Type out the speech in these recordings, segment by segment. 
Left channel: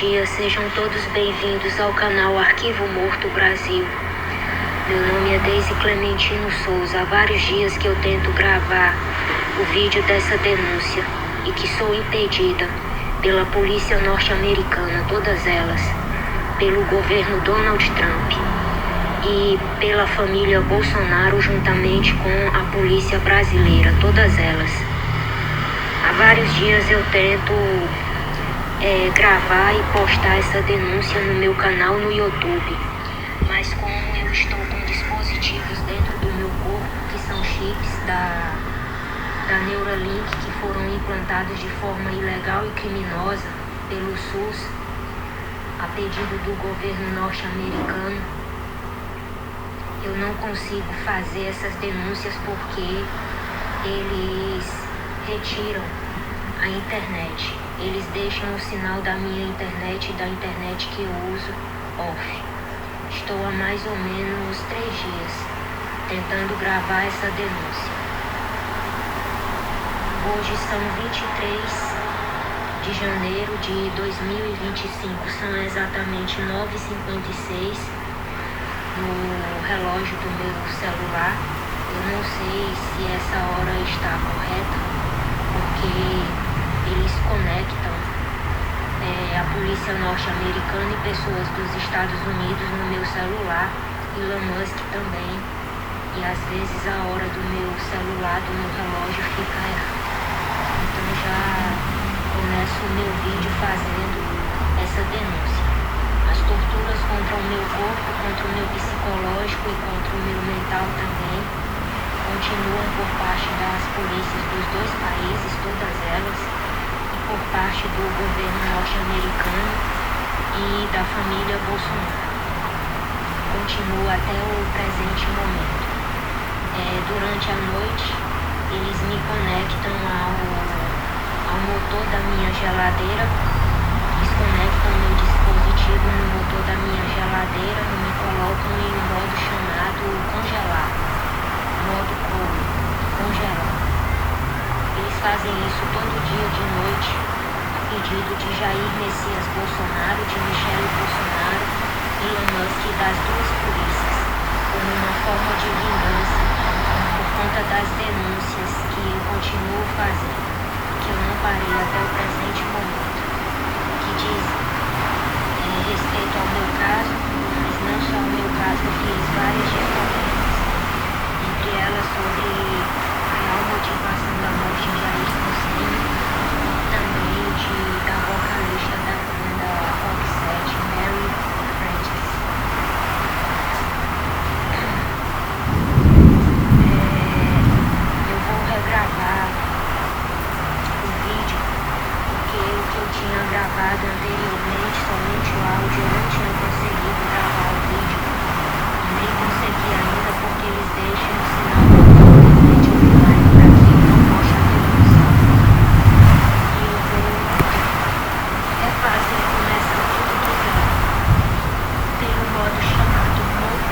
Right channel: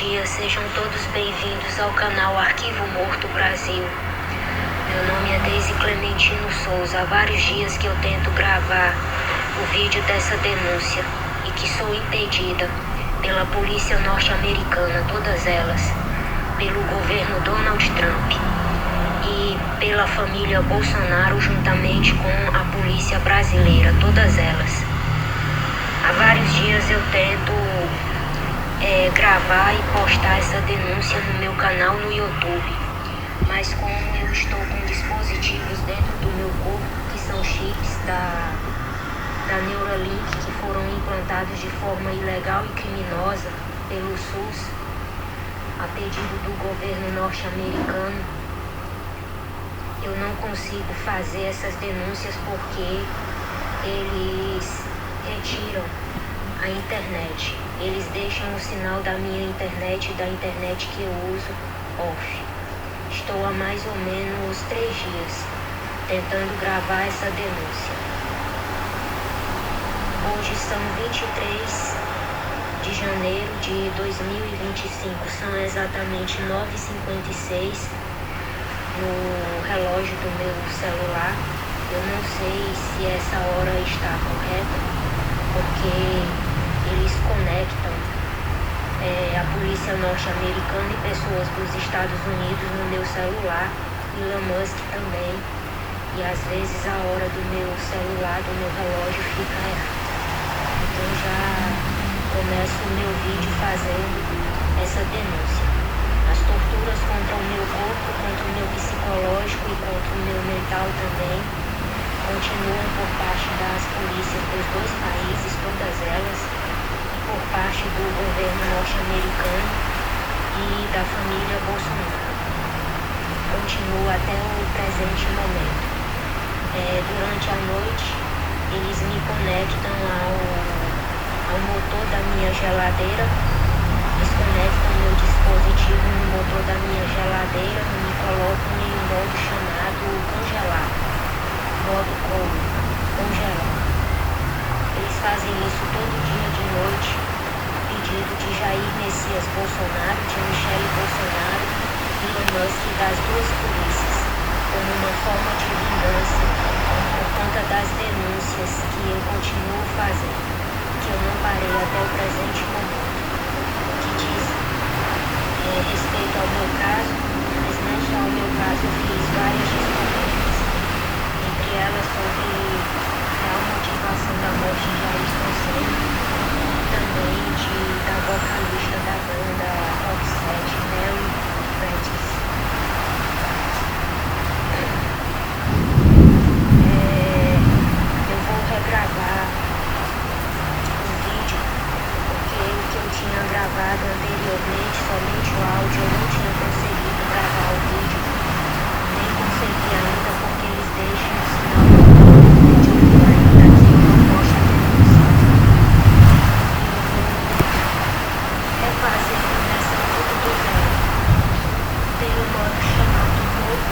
dia, sejam todos bem-vindos ao canal Arquivo Morto Brasil. Meu nome é Deise Clementino Souza. Há vários dias que eu tento gravar o vídeo dessa denúncia e que sou impedida pela polícia norte-americana, todas elas, pelo governo Donald Trump e pela família Bolsonaro juntamente com a polícia brasileira, todas elas. Há vários dias eu tento gravar e postar essa denúncia no meu canal no YouTube, mas como eu estou com dispositivos dentro do meu corpo que são chips da Neuralink que foram implantados de forma ilegal e criminosa pelo SUS a pedido do governo norte-americano, eu não consigo fazer essas denúncias porque eles retiram a internet. Eles deixam o sinal da minha internet e da internet que eu uso off. Estou há mais ou menos 3 dias tentando gravar essa denúncia. Hoje são 23 de janeiro de 2025. São exatamente 9h56 no relógio do meu celular. Eu não sei se essa hora está correta, porque eles conectam a polícia norte-americana e pessoas dos Estados Unidos no meu celular, Elon Musk também, e às vezes a hora do meu celular, do meu relógio fica errada. Então já começo o meu vídeo fazendo essa denúncia. As torturas contra o meu corpo, contra o meu psicológico e contra o meu mental também continuam por parte das polícias dos dois países, todas elas, por parte do governo norte-americano e da família Bolsonaro. Continua até o presente momento. Durante a noite, eles me conectam ao motor da minha geladeira, desconectam meu dispositivo no motor da minha geladeira e me colocam em um modo chamado congelar, modo congelar. Eles fazem isso todo dia de noite, a pedido de Jair Messias Bolsonaro, de Michele Bolsonaro, Elon Musk e das duas polícias, como uma forma de vingança por conta das denúncias que eu continuo fazendo, que eu não parei até o presente momento, que dizem respeito ao meu caso, mas não só ao meu caso, eu fiz várias descobertas, entre elas sobre a motivação da morte de Ayrton Senna, também da vocalista da banda Roxette, Mary Francis. Eu vou regravar o vídeo, porque o que eu tinha gravado anteriormente, somente o áudio, eu não tinha conseguido gravar o vídeo, nem consegui ainda porque eles deixam o sinal de fazer começar tudo do zero, pelo modo chamado MOP.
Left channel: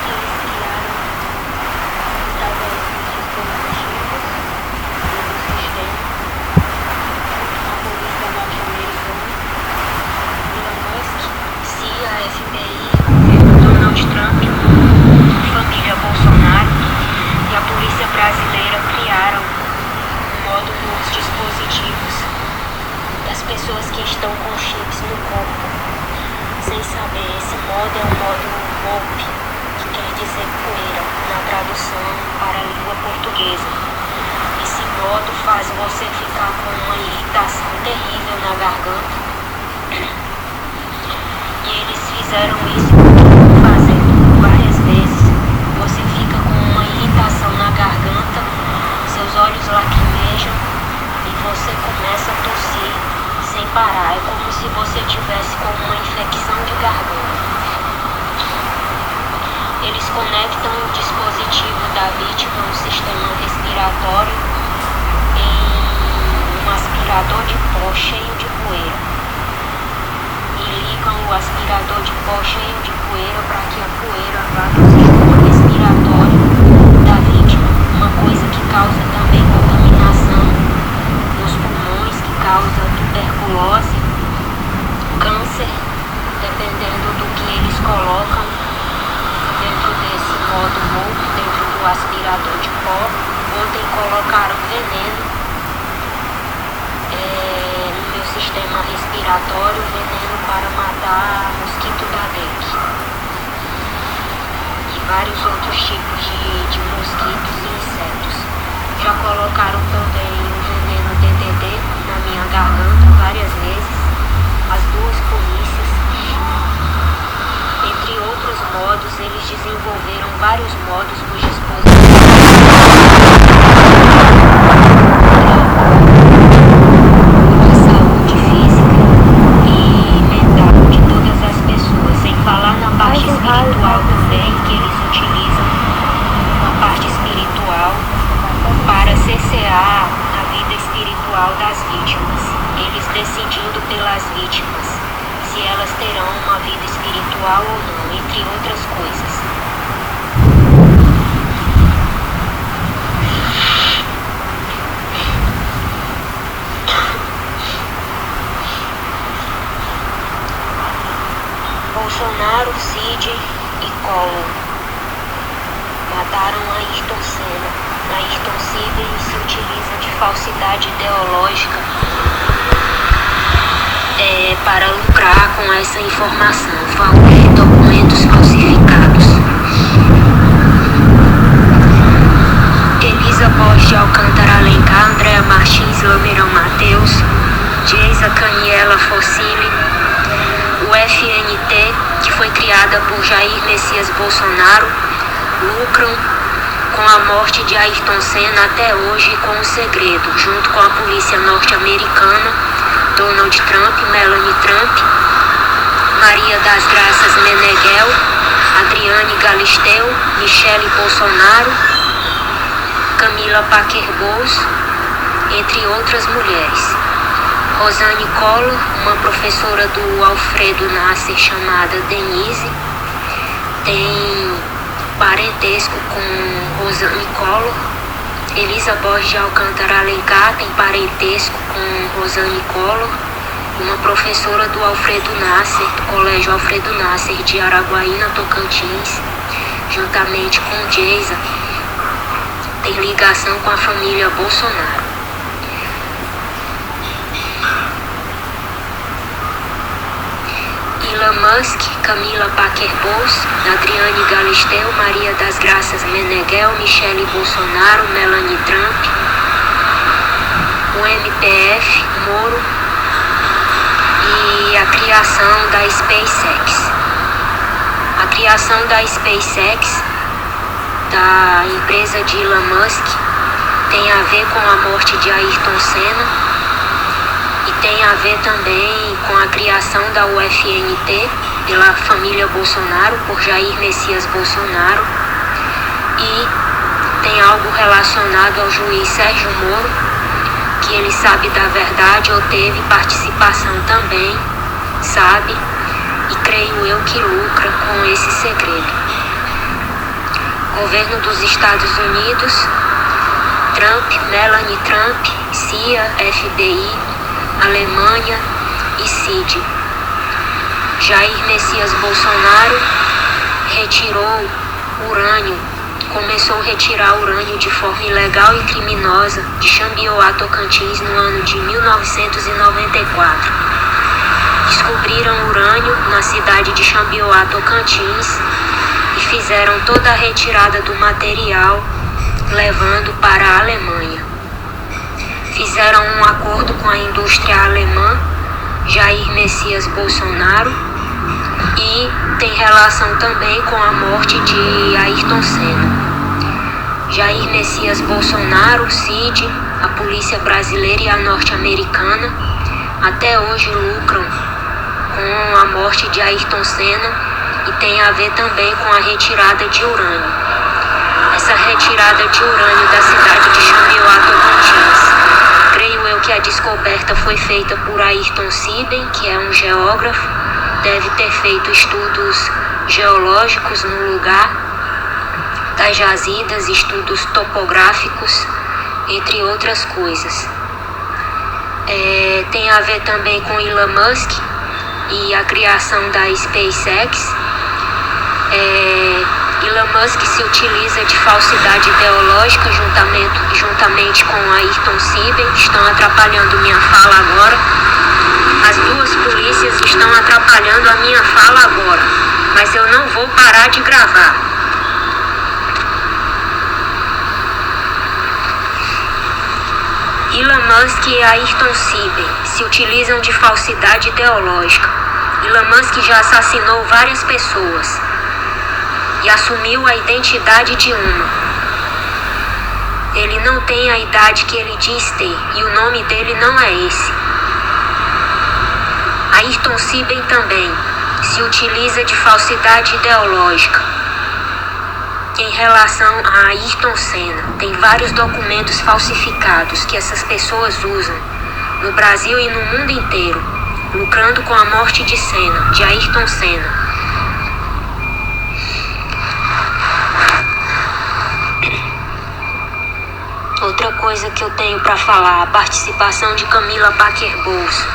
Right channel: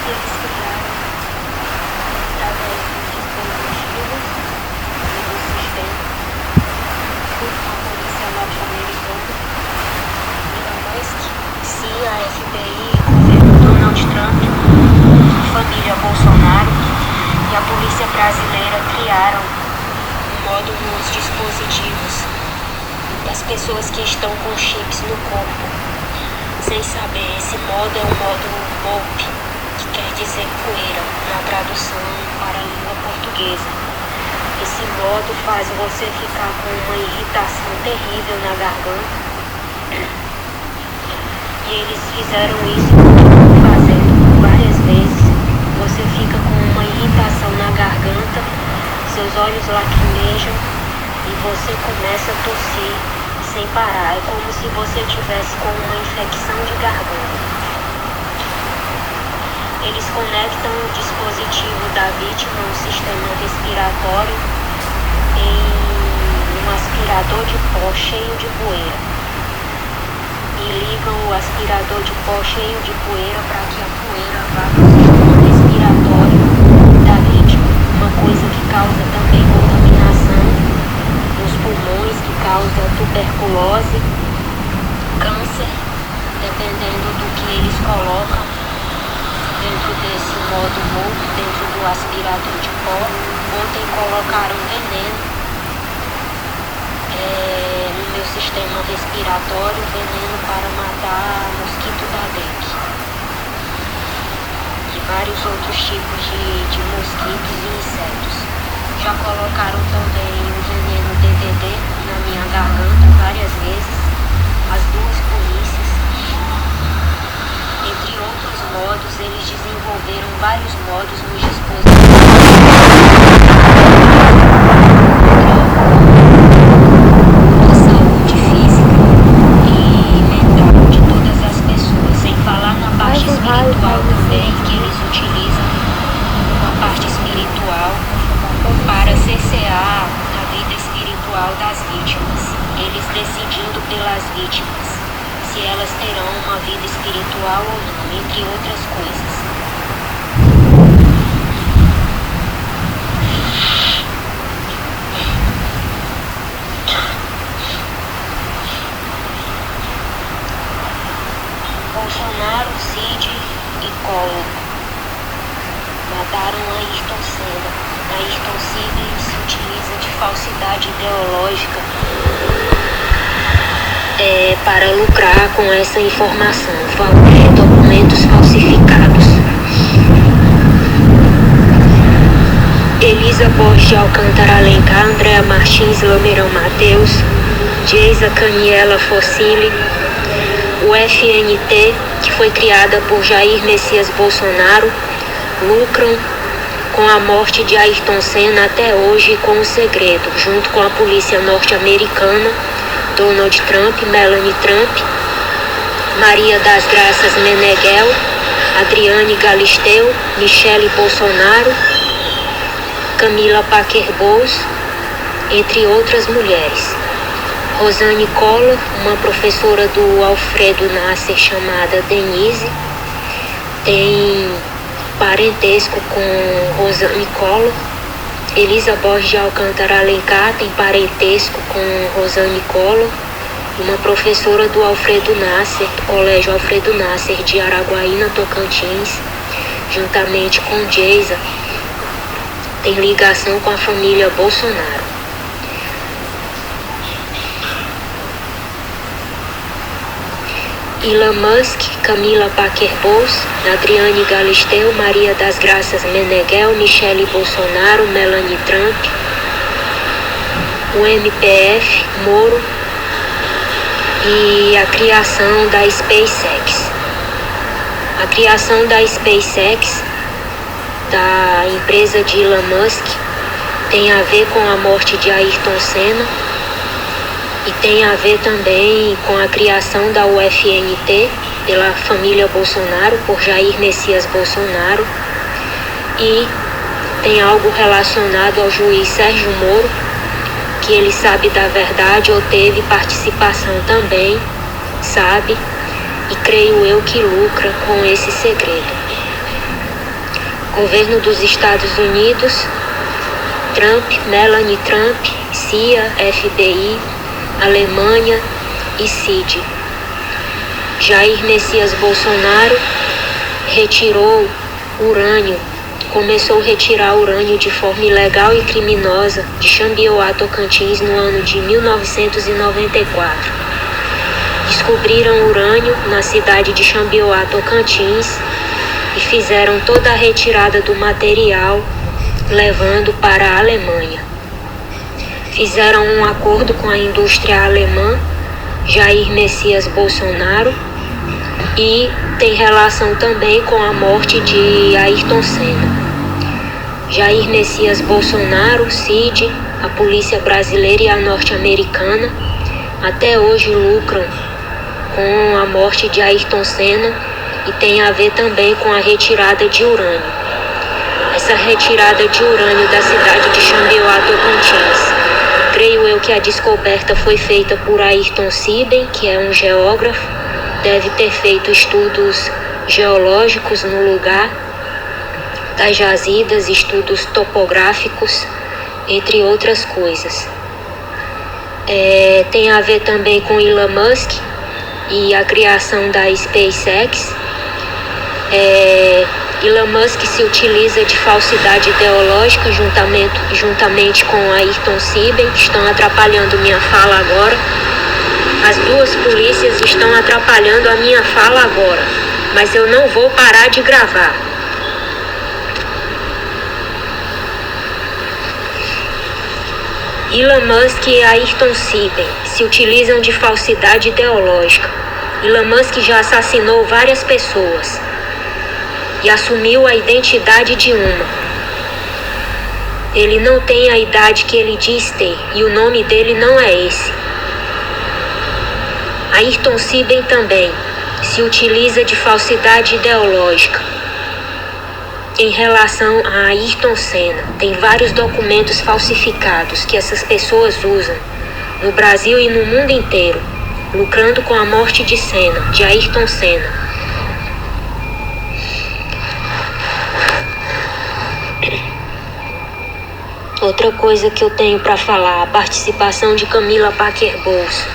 Eles criaram através dos dispositivos e do sistema, a polícia norte-americana, Elon Musk, CIA, FBI, governo Donald Trump, família Bolsonaro e a polícia brasileira criaram um modo nos dispositivos das pessoas que estão com chips no corpo, sem saber. Esse modo é um modo MOP, que quer dizer poeira, na tradução para a língua portuguesa. Esse modo faz você ficar com uma irritação terrível na garganta, e eles fizeram isso fazendo várias vezes. Você fica com uma irritação na garganta, seus olhos lacrimejam e você começa a tossir sem parar. É como se você tivesse com uma infecção de garganta. Eles conectam o dispositivo da vítima ao sistema respiratório em um aspirador de pó cheio de poeira. E ligam o aspirador de pó cheio de poeira para que a poeira vá para o sistema respiratório da vítima, uma coisa que causa também contaminação nos pulmões, que causa tuberculose, câncer, dependendo do que eles colocam dentro desse modo morto, dentro do aspirador de pó. Ontem colocaram veneno no meu sistema respiratório, veneno para matar mosquito da dengue e vários outros tipos de mosquitos e insetos. Já colocaram também o veneno DDT na minha garganta várias vezes, as duas polícias. Entre outros modos, eles desenvolveram vários modos nos dispositivos de saúde física e mental de todas as pessoas, sem falar na parte espiritual também, que eles utilizam uma parte espiritual para cessear a vida espiritual das vítimas, eles decidindo pelas vítimas se elas terão uma vida espiritual ou não, entre outras coisas. Bolsonaro, Cid e Collor mataram Ayrton Senna. Ayrton Senna se utiliza de falsidade ideológica para lucrar com essa informação, documentos falsificados. Elisa Borges de Alcântara Alencar, Andréa Martins, Lamirão Mateus, Geisa Caniela Fossili, o FNT, que foi criada por Jair Messias Bolsonaro, lucram com a morte de Ayrton Senna até hoje com o segredo, junto com a polícia norte-americana, Donald Trump, Melanie Trump, Maria das Graças Meneghel, Adriane Galisteu, Michele Bolsonaro, Camila Paquer-Bowles, entre outras mulheres. Rosane Collor, uma professora do Alfredo Nasser chamada Denise, tem parentesco com Rosane Collor. Elisa Borges de Alcântara Alencar tem parentesco com Rosane Collor. Uma professora do Alfredo Nasser, do Colégio Alfredo Nasser de Araguaína, Tocantins, juntamente com Geisa, tem ligação com a família Bolsonaro. Elon Musk, Camila Paquer-Bowles, Adriane Galisteu, Maria das Graças Meneghel, Michele Bolsonaro, Melanie Trump, o MPF, Moro e a criação da SpaceX. A criação da SpaceX, da empresa de Elon Musk, tem a ver com a morte de Ayrton Senna e tem a ver também com a criação da UFNT pela família Bolsonaro, por Jair Messias Bolsonaro, e tem algo relacionado ao juiz Sérgio Moro, que ele sabe da verdade ou teve participação também, sabe, e creio eu que lucra com esse segredo. Governo dos Estados Unidos, Trump, Melanie Trump, CIA, FBI, Alemanha e Cid. Jair Messias Bolsonaro retirou urânio, começou a retirar urânio de forma ilegal e criminosa de Xambioá, Tocantins, no ano de 1994. Descobriram urânio na cidade de Xambioá, Tocantins, e fizeram toda a retirada do material, levando para a Alemanha. Fizeram um acordo com a indústria alemã, Jair Messias Bolsonaro, e tem relação também com a morte de Ayrton Senna. Jair Messias Bolsonaro, Cid, a polícia brasileira e a norte-americana até hoje lucram com a morte de Ayrton Senna e tem a ver também com a retirada de urânio. Essa retirada de urânio da cidade de Xambioá, Tocantins, creio eu que a descoberta foi feita por Ayrton Siben, que é um geógrafo, deve ter feito estudos geológicos no lugar das jazidas, estudos topográficos entre outras coisas. Tem a ver também com Elon Musk e a criação da SpaceX. Elon Musk se utiliza de falsidade ideológica juntamente com Ayrton Siben, que estão atrapalhando minha fala agora. As duas polícias estão atrapalhando a minha fala agora, mas eu não vou parar de gravar. Elon Musk e Ayrton Siben se utilizam de falsidade ideológica. Elon Musk já assassinou várias pessoas e assumiu a identidade de uma. Ele não tem a idade que ele diz ter e o nome dele não é esse. Ayrton Siben também se utiliza de falsidade ideológica em relação a Ayrton Senna. Tem vários documentos falsificados que essas pessoas usam no Brasil e no mundo inteiro, lucrando com a morte de Senna, de Ayrton Senna. Outra coisa que eu tenho para falar, a participação de Camila Parker Bowles,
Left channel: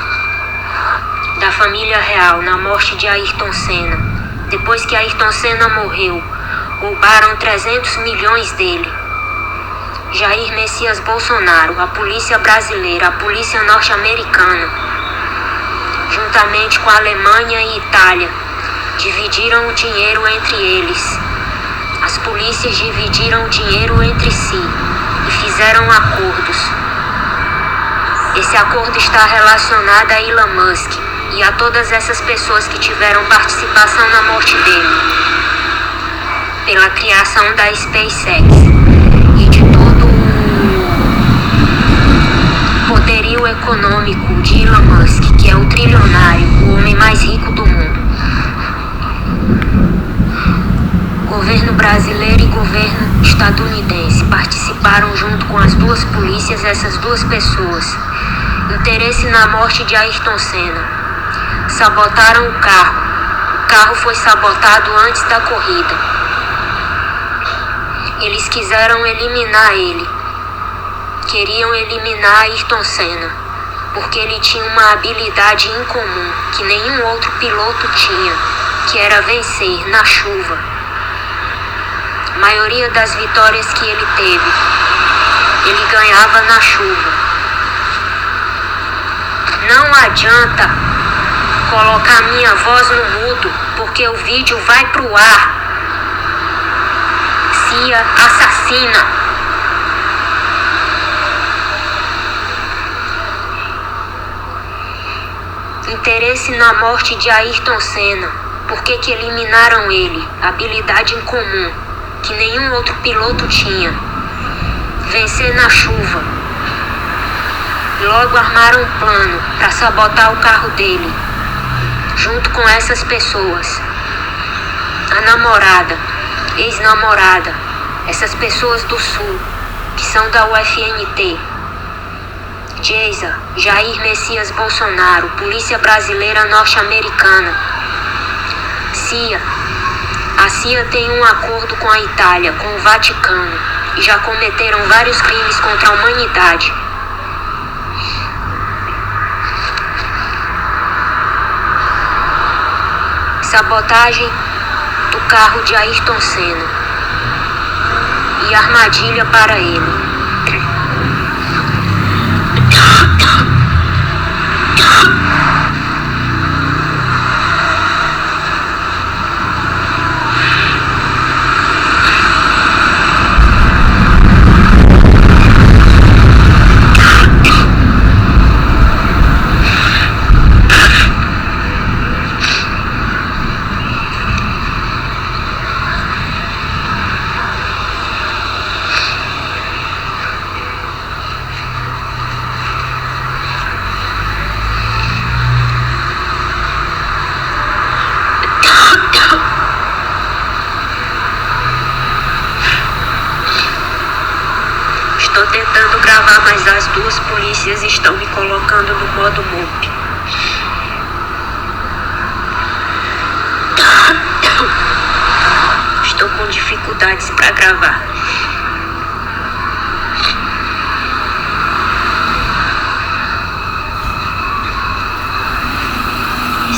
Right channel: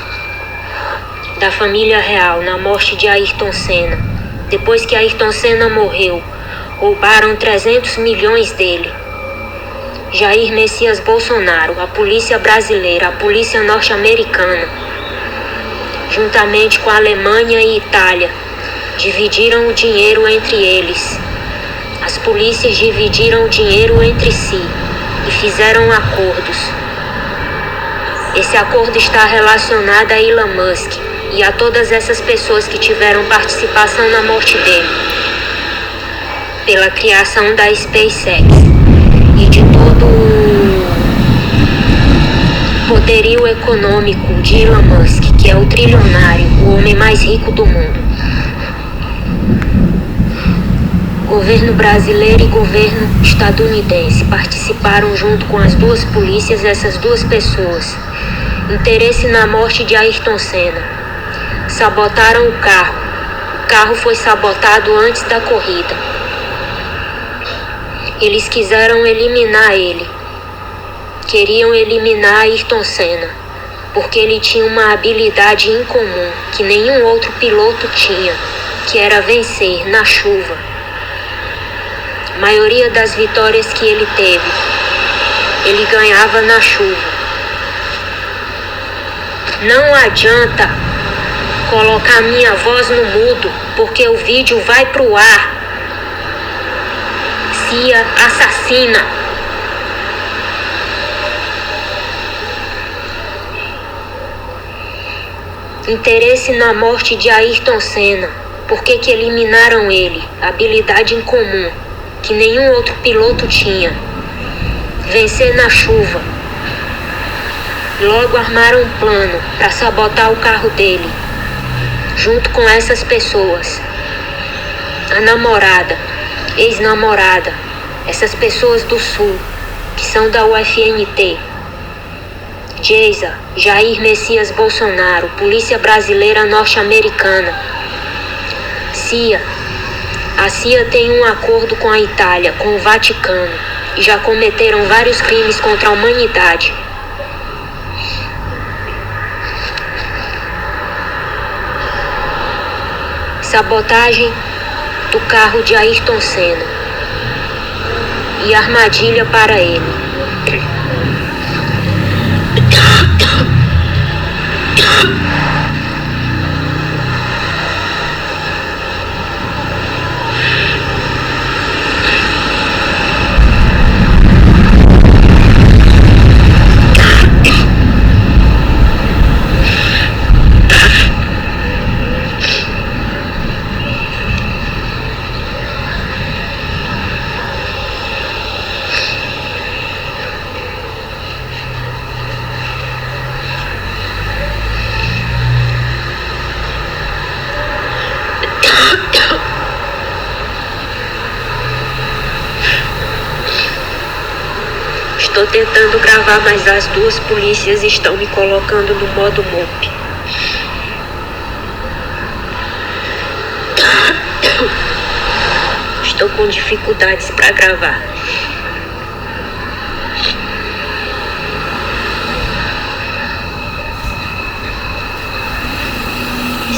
da família real, na morte de Ayrton Senna. Depois que Ayrton Senna morreu, roubaram 300 milhões dele. Jair Messias Bolsonaro, a polícia brasileira, a polícia norte-americana, juntamente com a Alemanha e Itália, dividiram o dinheiro entre eles. As polícias dividiram o dinheiro entre si e fizeram acordos. Esse acordo está relacionado a Elon Musk e a todas essas pessoas que tiveram participação na morte dele, pela criação da SpaceX e de todo o poderio econômico de Elon Musk, que é o trilionário, o homem mais rico do mundo. Governo brasileiro e governo estadunidense participaram junto com as duas polícias, essas duas pessoas. Interesse na morte de Ayrton Senna. Sabotaram o carro. O carro foi sabotado antes da corrida. Eles quiseram eliminar ele. Queriam eliminar Ayrton Senna, porque ele tinha uma habilidade incomum que nenhum outro piloto tinha, que era vencer na chuva. A maioria das vitórias que ele teve, ele ganhava na chuva. Não adianta colocar minha voz no mudo, porque o vídeo vai pro ar. CIA assassina. Interesse na morte de Ayrton Senna. Por que eliminaram ele? Habilidade incomum que nenhum outro piloto tinha. Vencer na chuva. Logo armaram um plano para sabotar o carro dele, junto com essas pessoas. A namorada, ex-namorada, essas pessoas do Sul, que são da UFNT. Geisa, Jair Messias Bolsonaro, Polícia Brasileira Norte-Americana. CIA. A CIA tem um acordo com a Itália, com o Vaticano, e já cometeram vários crimes contra a humanidade. Sabotagem do carro de Ayrton Senna e armadilha para ele. Estou tentando gravar, mas as duas polícias estão me colocando no modo MOP. Estou com dificuldades para gravar.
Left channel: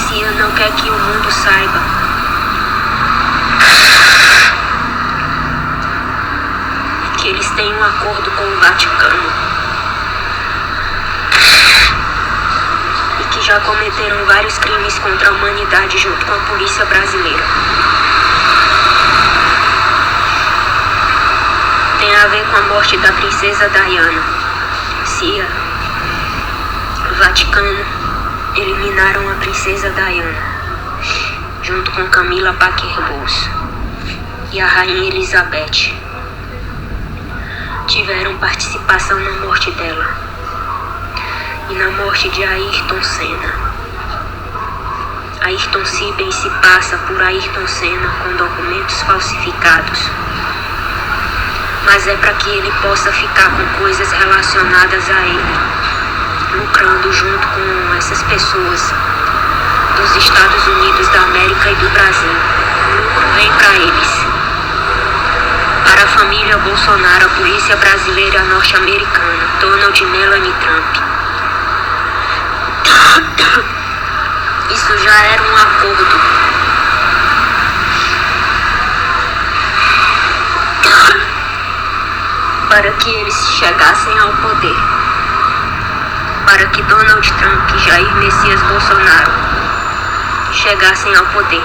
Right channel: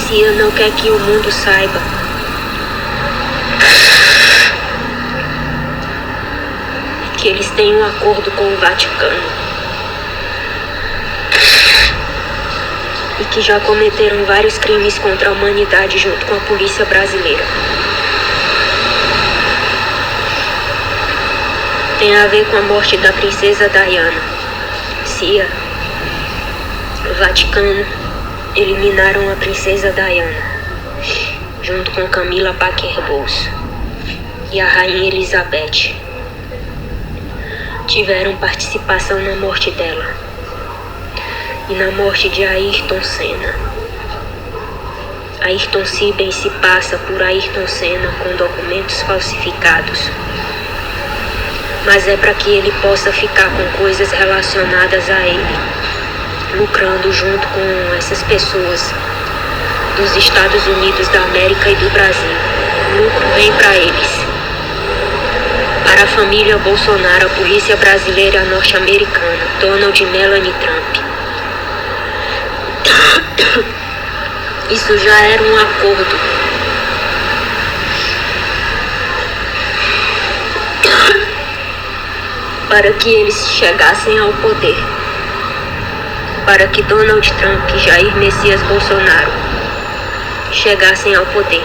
CIA não quer que o mundo saiba. Que eles têm um acordo com o Vaticano. E que já cometeram vários crimes contra a humanidade junto com a polícia brasileira. Tem a ver com a morte da princesa Diana. CIA, o Vaticano eliminaram a princesa Diana, junto com Camila Parker Bowles e a rainha Elizabeth. Tiveram participação na morte dela e na morte de Ayrton Senna. Ayrton Sibem se passa por Ayrton Senna com documentos falsificados, mas é para que ele possa ficar com coisas relacionadas a ele, lucrando junto com essas pessoas dos Estados Unidos da América e do Brasil. O lucro vem para eles. Para a família Bolsonaro, a polícia brasileira norte-americana, Donald e Melanie Trump. Isso já era um acordo. Para que eles chegassem ao poder. Para que Donald Trump e Jair Messias Bolsonaro chegassem ao poder.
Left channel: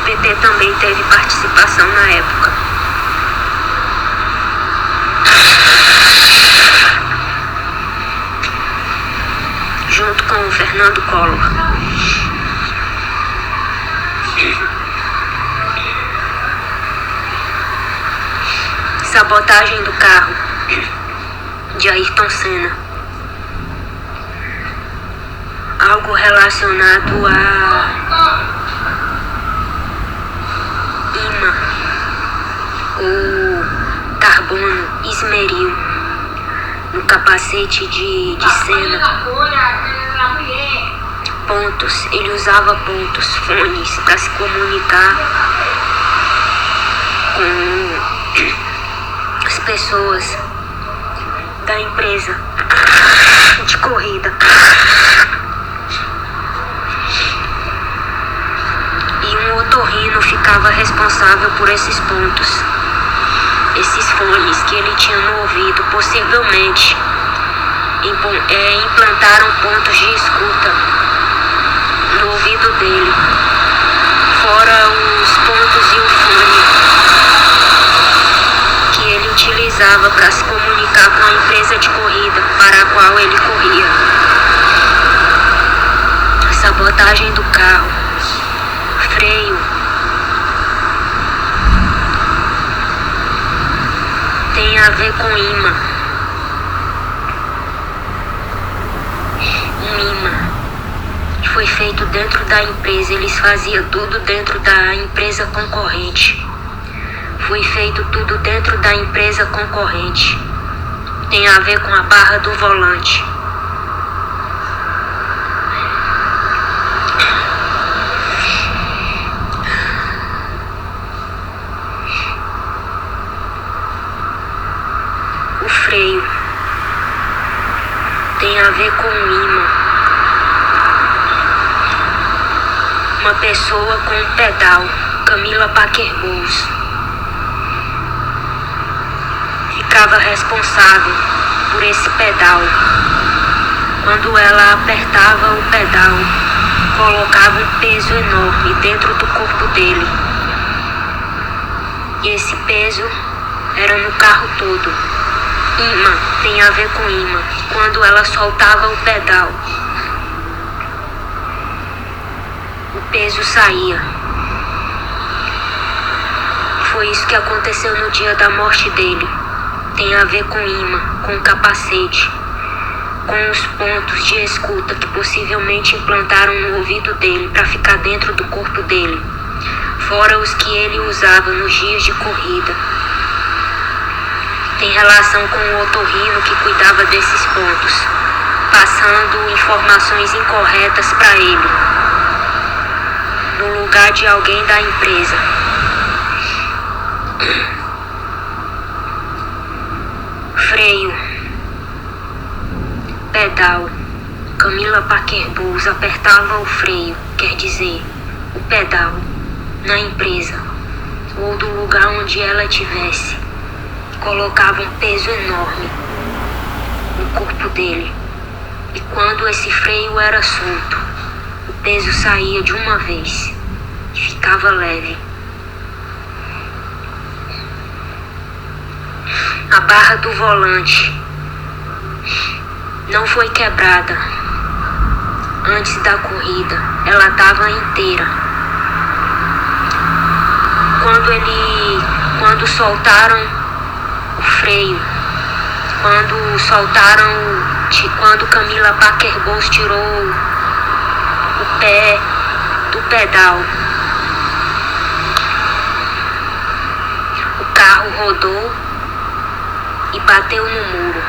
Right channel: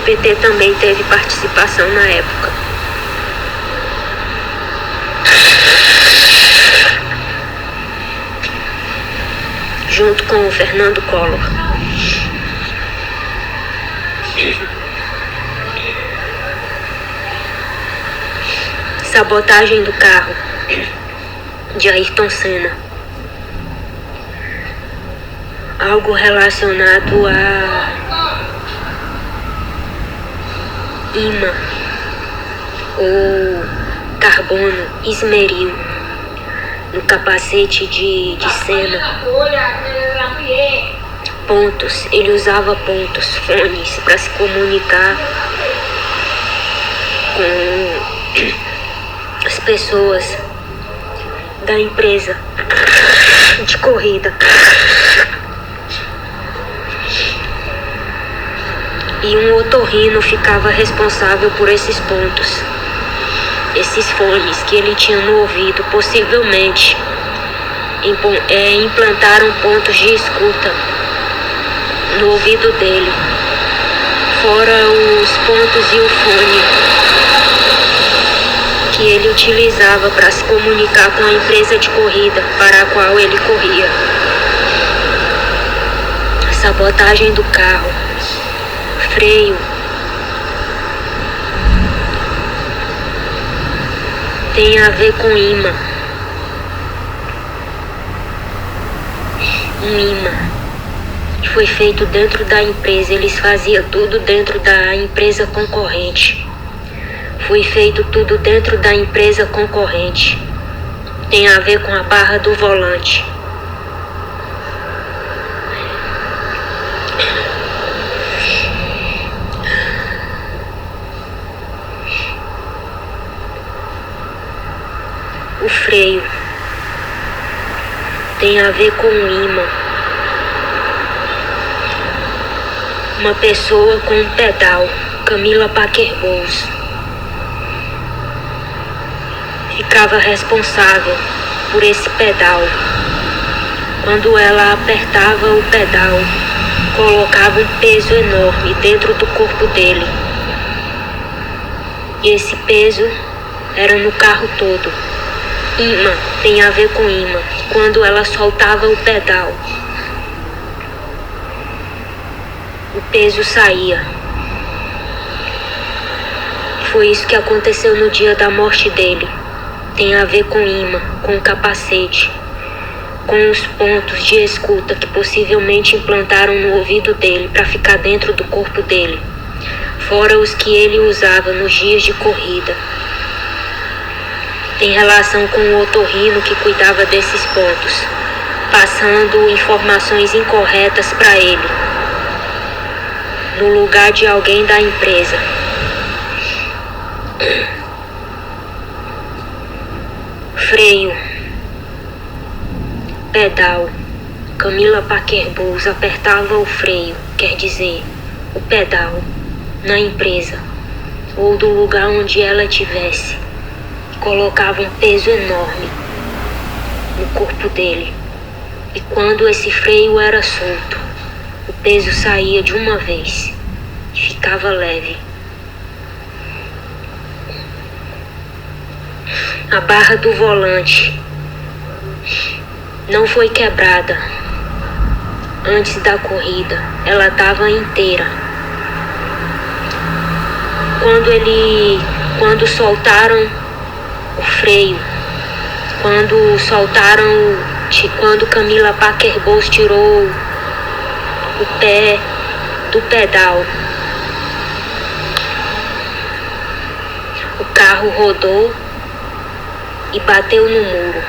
O PT também teve participação na época. Junto com o Fernando Collor. Sabotagem do carro de Ayrton Senna. Algo relacionado a ímã ou carbono esmeril no capacete de Senna. Pontos, ele usava pontos, fones para se comunicar com as pessoas da empresa de corrida. E um otorrino ficava responsável por esses pontos. Esses fones que ele tinha no ouvido, possivelmente implantaram pontos de escuta no ouvido dele, fora os pontos e o fone que ele utilizava para se comunicar com a empresa de corrida para a qual ele corria. Sabotagem do carro, freio, tem a ver com imã. Um imã que foi feito dentro da empresa. Eles faziam tudo dentro da empresa concorrente. Foi feito tudo dentro da empresa concorrente. Tem a ver com a barra do volante. O freio tem a ver com o imã. Uma pessoa com um pedal, Camila Parker Bowles, ficava responsável por esse pedal. Quando ela apertava o pedal, colocava um peso enorme dentro do corpo dele. E esse peso era no carro todo. Imã tem a ver com imã. Quando ela soltava o pedal, o peso saía. Foi isso que aconteceu no dia da morte dele. Tem a ver com imã, com o capacete, com os pontos de escuta que possivelmente implantaram no ouvido dele para ficar dentro do corpo dele, fora os que ele usava nos dias de corrida. Tem relação com o otorrino que cuidava desses pontos, passando informações incorretas para ele, no lugar de alguém da empresa. Freio, pedal, Camila Parker Bowles apertava o freio, quer dizer, o pedal, na empresa, ou do lugar onde ela estivesse, colocava um peso enorme no corpo dele. E quando esse freio era solto, o peso saía de uma vez e ficava leve. A barra do volante não foi quebrada antes da corrida, ela estava inteira. Quando soltaram o freio, quando Camila Parker Bowles tirou o pé do pedal, o carro rodou e bateu no muro.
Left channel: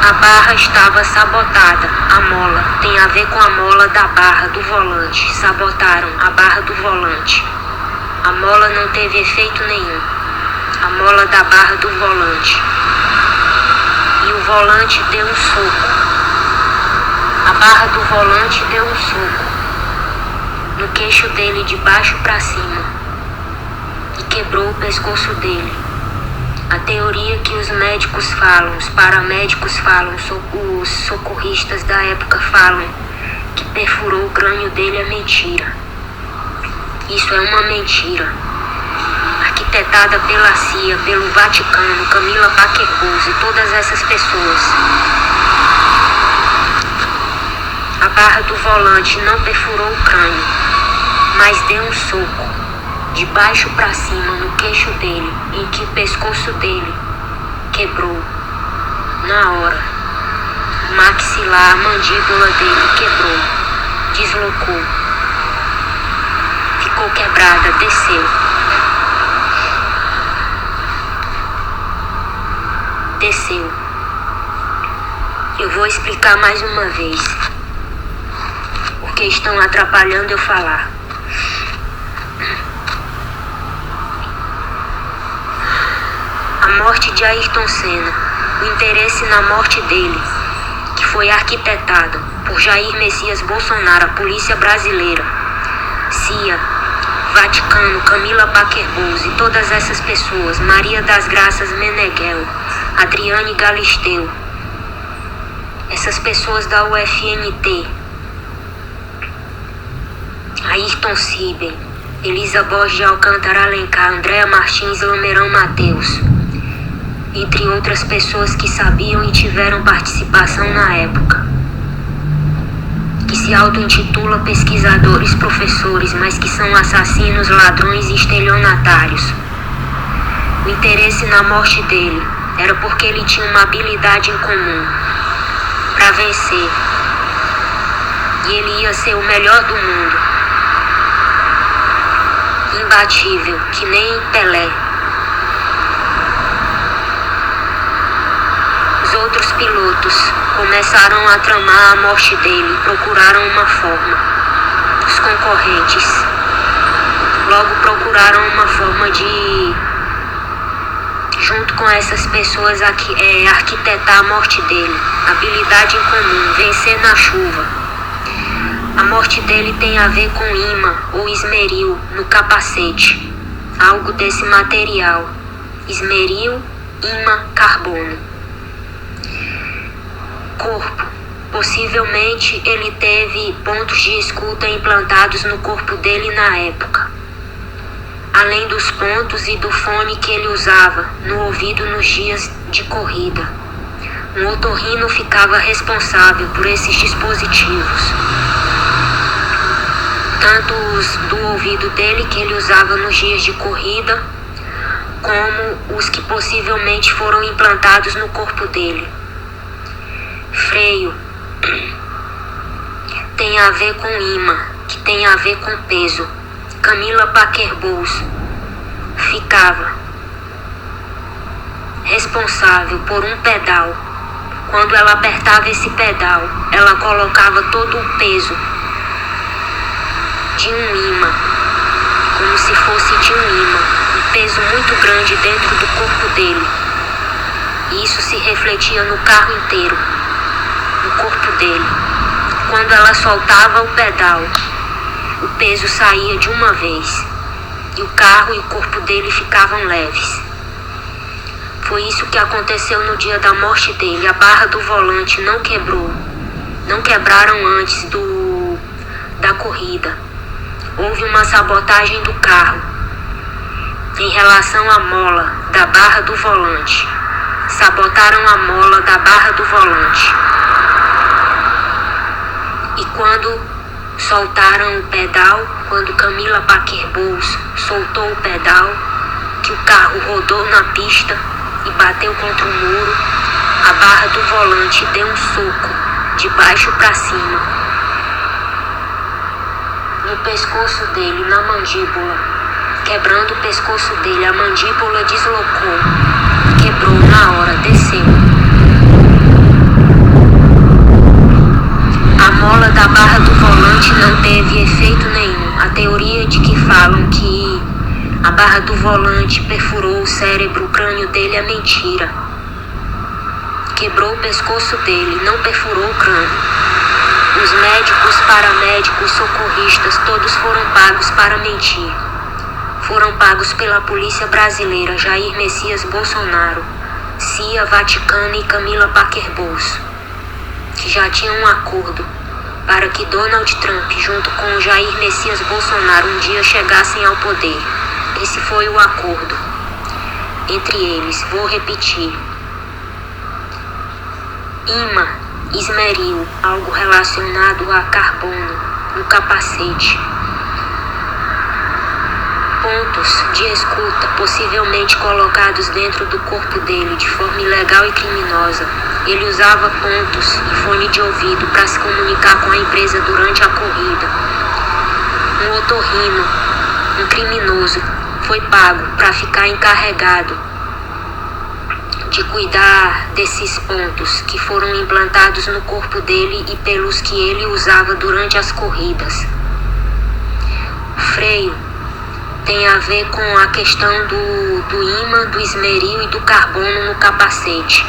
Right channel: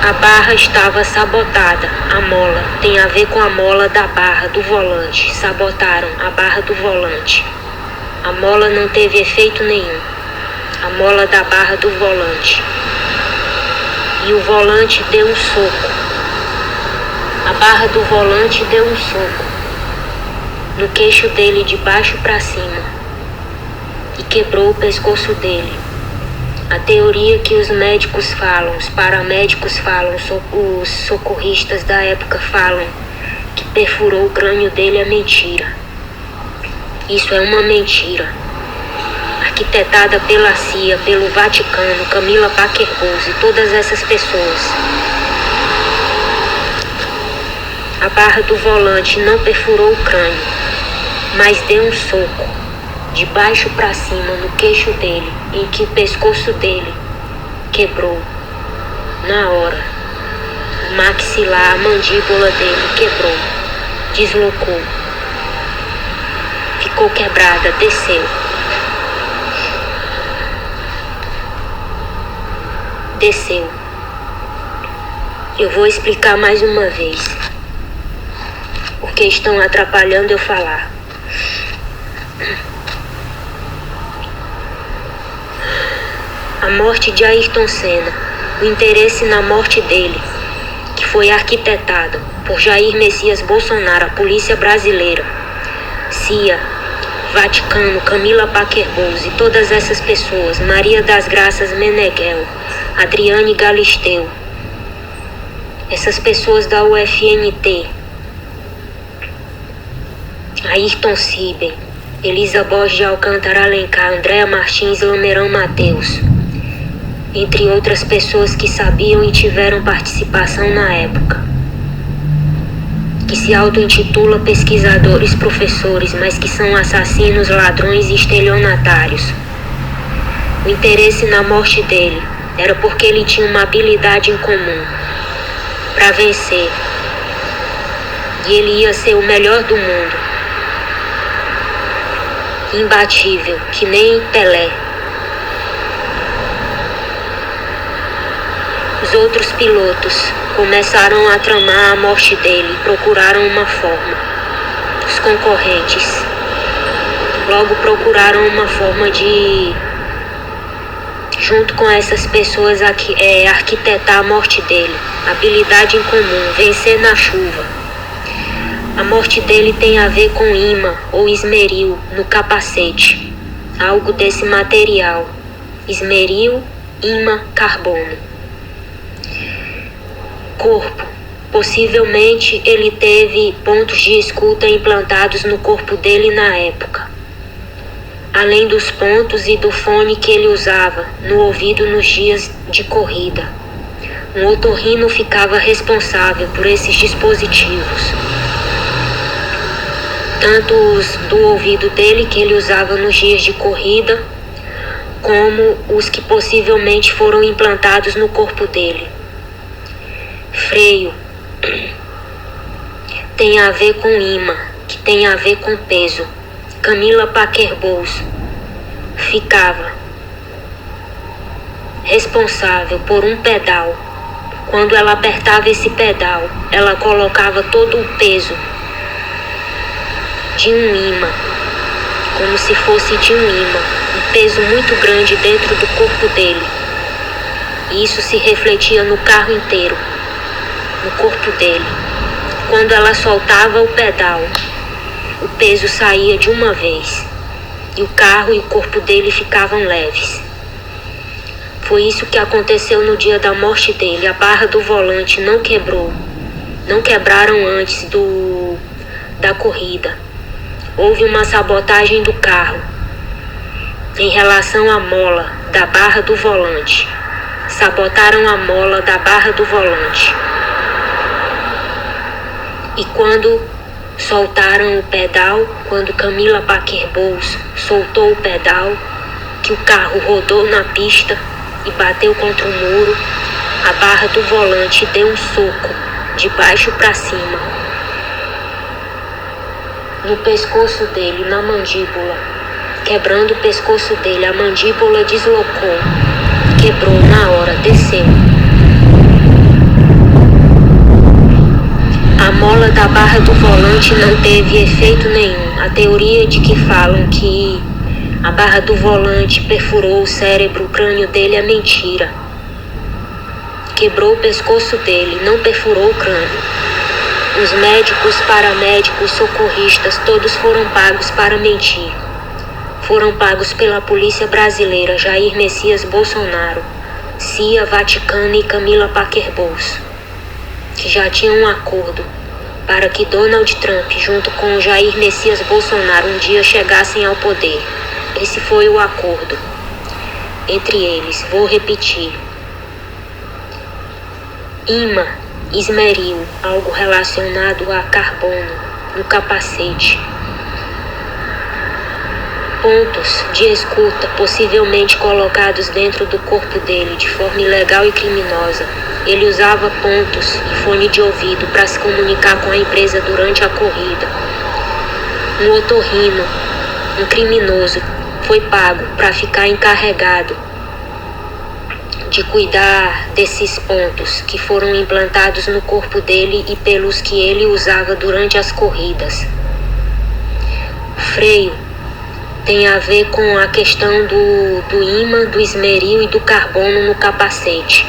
A barra estava sabotada. A mola tem a ver com a mola da barra do volante. Sabotaram a barra do volante. A mola não teve efeito nenhum. A mola da barra do volante. E o volante deu um soco. A barra do volante deu um soco no queixo dele de baixo para cima e quebrou o pescoço dele. A teoria que os médicos falam, os paramédicos falam, os socorristas da época falam que perfurou o crânio dele é mentira. Isso é uma mentira. Arquitetada pela CIA, pelo Vaticano, Camila Parker Bowles e todas essas pessoas. A barra do volante não perfurou o crânio, mas deu um soco de baixo para cima no queixo dele, em que o pescoço dele quebrou na hora. O maxilar, a mandíbula dele quebrou, deslocou, ficou quebrada, desceu. Eu vou explicar mais uma vez, porque estão atrapalhando eu falar. A morte de Ayrton Senna, o interesse na morte dele, que foi arquitetado por Jair Messias Bolsonaro, a polícia brasileira, CIA, Vaticano, Camila Parker Bowles e todas essas pessoas, Maria das Graças Meneghel, Adriane Galisteu, essas pessoas da UFNT, Ayrton Sibem, Elisa Borges de Alcântara Alencar, Andréa Martins, Lamerão Mateus, entre outras pessoas que sabiam e tiveram participação na época, que se auto-intitula pesquisadores, professores, mas que são assassinos, ladrões e estelionatários. O interesse na morte dele era porque ele tinha uma habilidade em comum para vencer, e ele ia ser o melhor do mundo, imbatível, que nem Pelé. Os outros pilotos começaram a tramar a morte dele e procuraram uma forma. Os concorrentes logo procuraram uma forma de, junto com essas pessoas, arquitetar a morte dele. Habilidade em comum, vencer na chuva. A morte dele tem a ver com imã ou esmeril no capacete. Algo desse material. Esmeril, imã, carbono. Corpo. Possivelmente ele teve pontos de escuta implantados no corpo dele na época. Além dos pontos e do fone que ele usava no ouvido nos dias de corrida. Um otorrino ficava responsável por esses dispositivos. Tanto os do ouvido dele que ele usava nos dias de corrida, como os que possivelmente foram implantados no corpo dele. Freio tem a ver com imã, que tem a ver com peso. Camila Parker Bowles ficava responsável por um pedal. Quando ela apertava esse pedal, ela colocava todo o peso de um imã, como se fosse de um imã, um peso muito grande dentro do corpo dele. E isso se refletia no carro inteiro. no corpo dele. Quando ela soltava o pedal, o peso saía de uma vez e o carro e o corpo dele ficavam leves. Foi isso que aconteceu no dia da morte dele. A barra do volante não quebrou. Não quebraram antes da corrida. Houve uma sabotagem do carro em relação à mola da barra do volante. Sabotaram a mola da barra do volante. E quando soltaram o pedal, quando Camila Parker Bowles soltou o pedal, que o carro rodou na pista e bateu contra o muro, a barra do volante deu um soco de baixo para cima no pescoço dele, na mandíbula, quebrando o pescoço dele. A mandíbula deslocou, quebrou na hora, desceu. A mola da barra do volante não teve efeito nenhum. A teoria de que falam que a barra do volante perfurou o cérebro, o crânio dele é mentira. Quebrou o pescoço dele, não perfurou o crânio. Os médicos, paramédicos, socorristas, todos foram pagos para mentir. Foram pagos pela polícia brasileira, Jair Messias Bolsonaro, CIA, Vaticano e Camila Parker Bowles, que já tinham um acordo para que Donald Trump, junto com Jair Messias Bolsonaro, um dia chegassem ao poder. Esse foi o acordo entre eles. Vou repetir. Imã, esmeril, algo relacionado a carbono no capacete. Pontos de escuta, possivelmente colocados dentro do corpo dele de forma ilegal e criminosa. Ele usava pontos e fone de ouvido para se comunicar com a empresa durante a corrida. Um otorrino, um criminoso, foi pago para ficar encarregado de cuidar desses pontos que foram implantados no corpo dele e pelos que ele usava durante as corridas. O freio tem a ver com a questão do ímã, do esmeril e do carbono no capacete.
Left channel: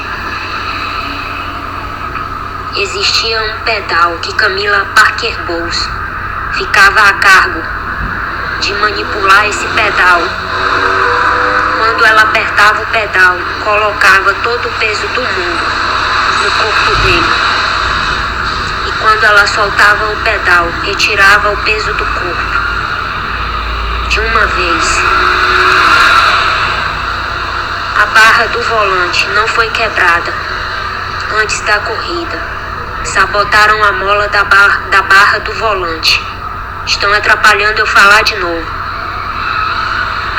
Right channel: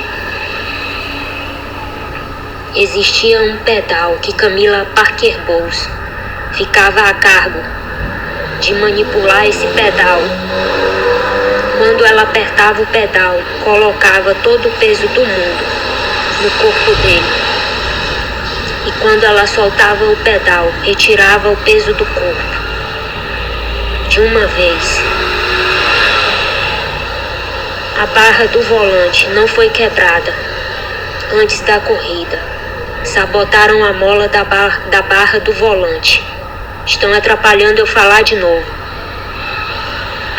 Existia um pedal que Camila Parker Bowles ficava a cargo de manipular esse pedal. Quando ela apertava o pedal, colocava todo o peso do mundo no corpo dele. E quando ela soltava o pedal, retirava o peso do corpo de uma vez. A barra do volante não foi quebrada antes da corrida. Sabotaram a mola da barra do volante. Estão atrapalhando eu falar de novo.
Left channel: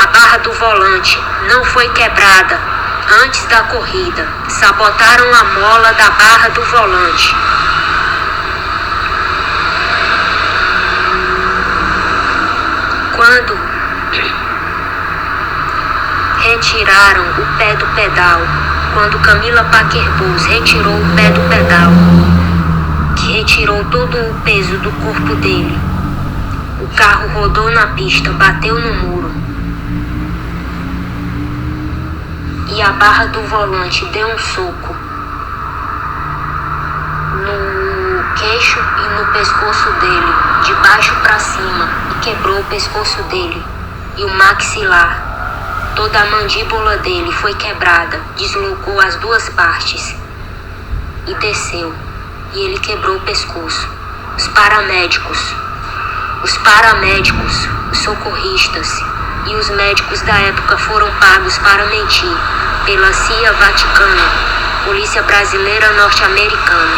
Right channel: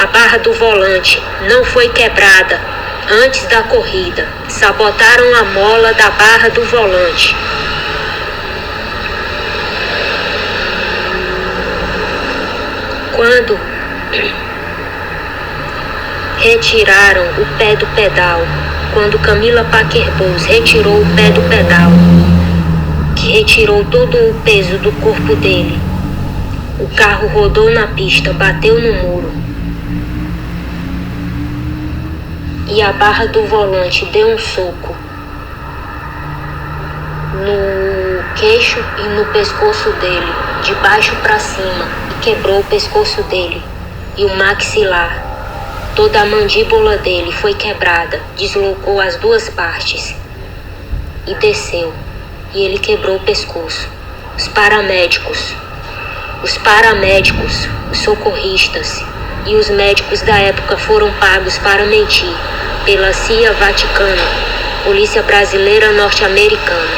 A barra do volante não foi quebrada antes da corrida. Sabotaram a mola da barra do volante. Quando retiraram o pé do pedal, quando Camila Parker Bowles retirou o pé do pedal, que retirou todo o peso do corpo dele, o carro rodou na pista, bateu no muro e a barra do volante deu um soco no queixo e no pescoço dele, de baixo para cima, e quebrou o pescoço dele e o maxilar. Toda a mandíbula dele foi quebrada, deslocou as duas partes e desceu, e ele quebrou o pescoço. Os paramédicos, os socorristas e os médicos da época foram pagos para mentir pela CIA, Vaticano, Polícia Brasileira Norte-Americana,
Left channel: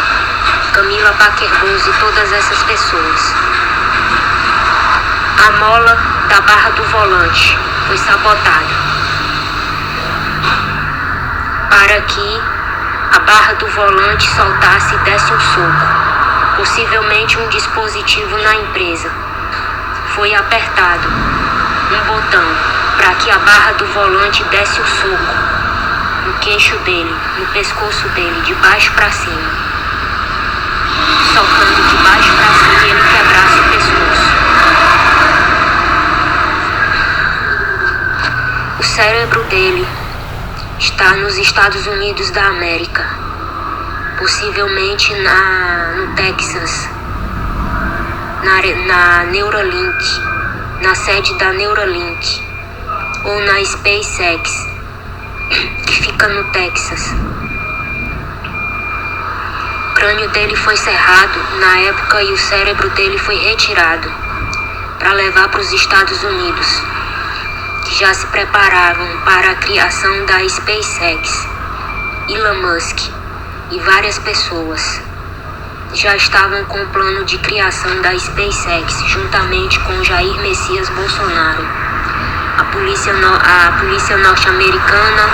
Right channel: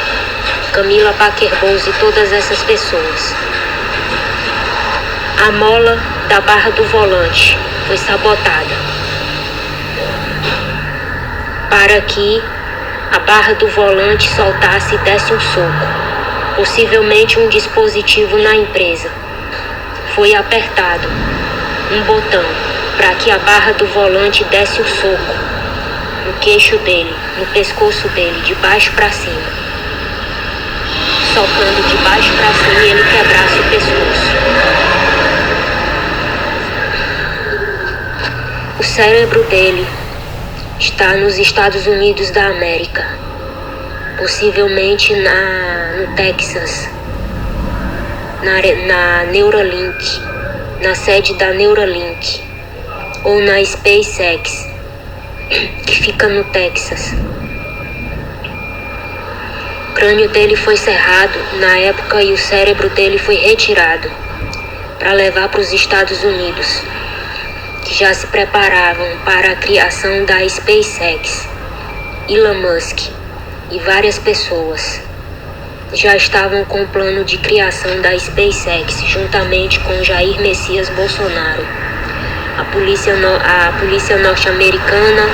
Camila Parker Bowles e todas essas pessoas. A mola da barra do volante foi sabotada para que a barra do volante soltasse e desse um soco, possivelmente um dispositivo na empresa. Foi apertado um botão para que a barra do volante desse o soco no queixo dele, no pescoço dele, de baixo para cima, socando de baixo para cima e ele quebrasse o pescoço. O cérebro dele está nos Estados Unidos da América. possivelmente no Texas, na Neuralink, na sede da Neuralink, ou na SpaceX, que fica no Texas. O crânio dele foi cerrado na época e o cérebro dele foi retirado para levar para os Estados Unidos, que já se preparavam para a criação da SpaceX. Elon Musk e várias pessoas já estavam com o plano de criação da SpaceX, juntamente com Jair Messias Bolsonaro, a polícia norte-americana,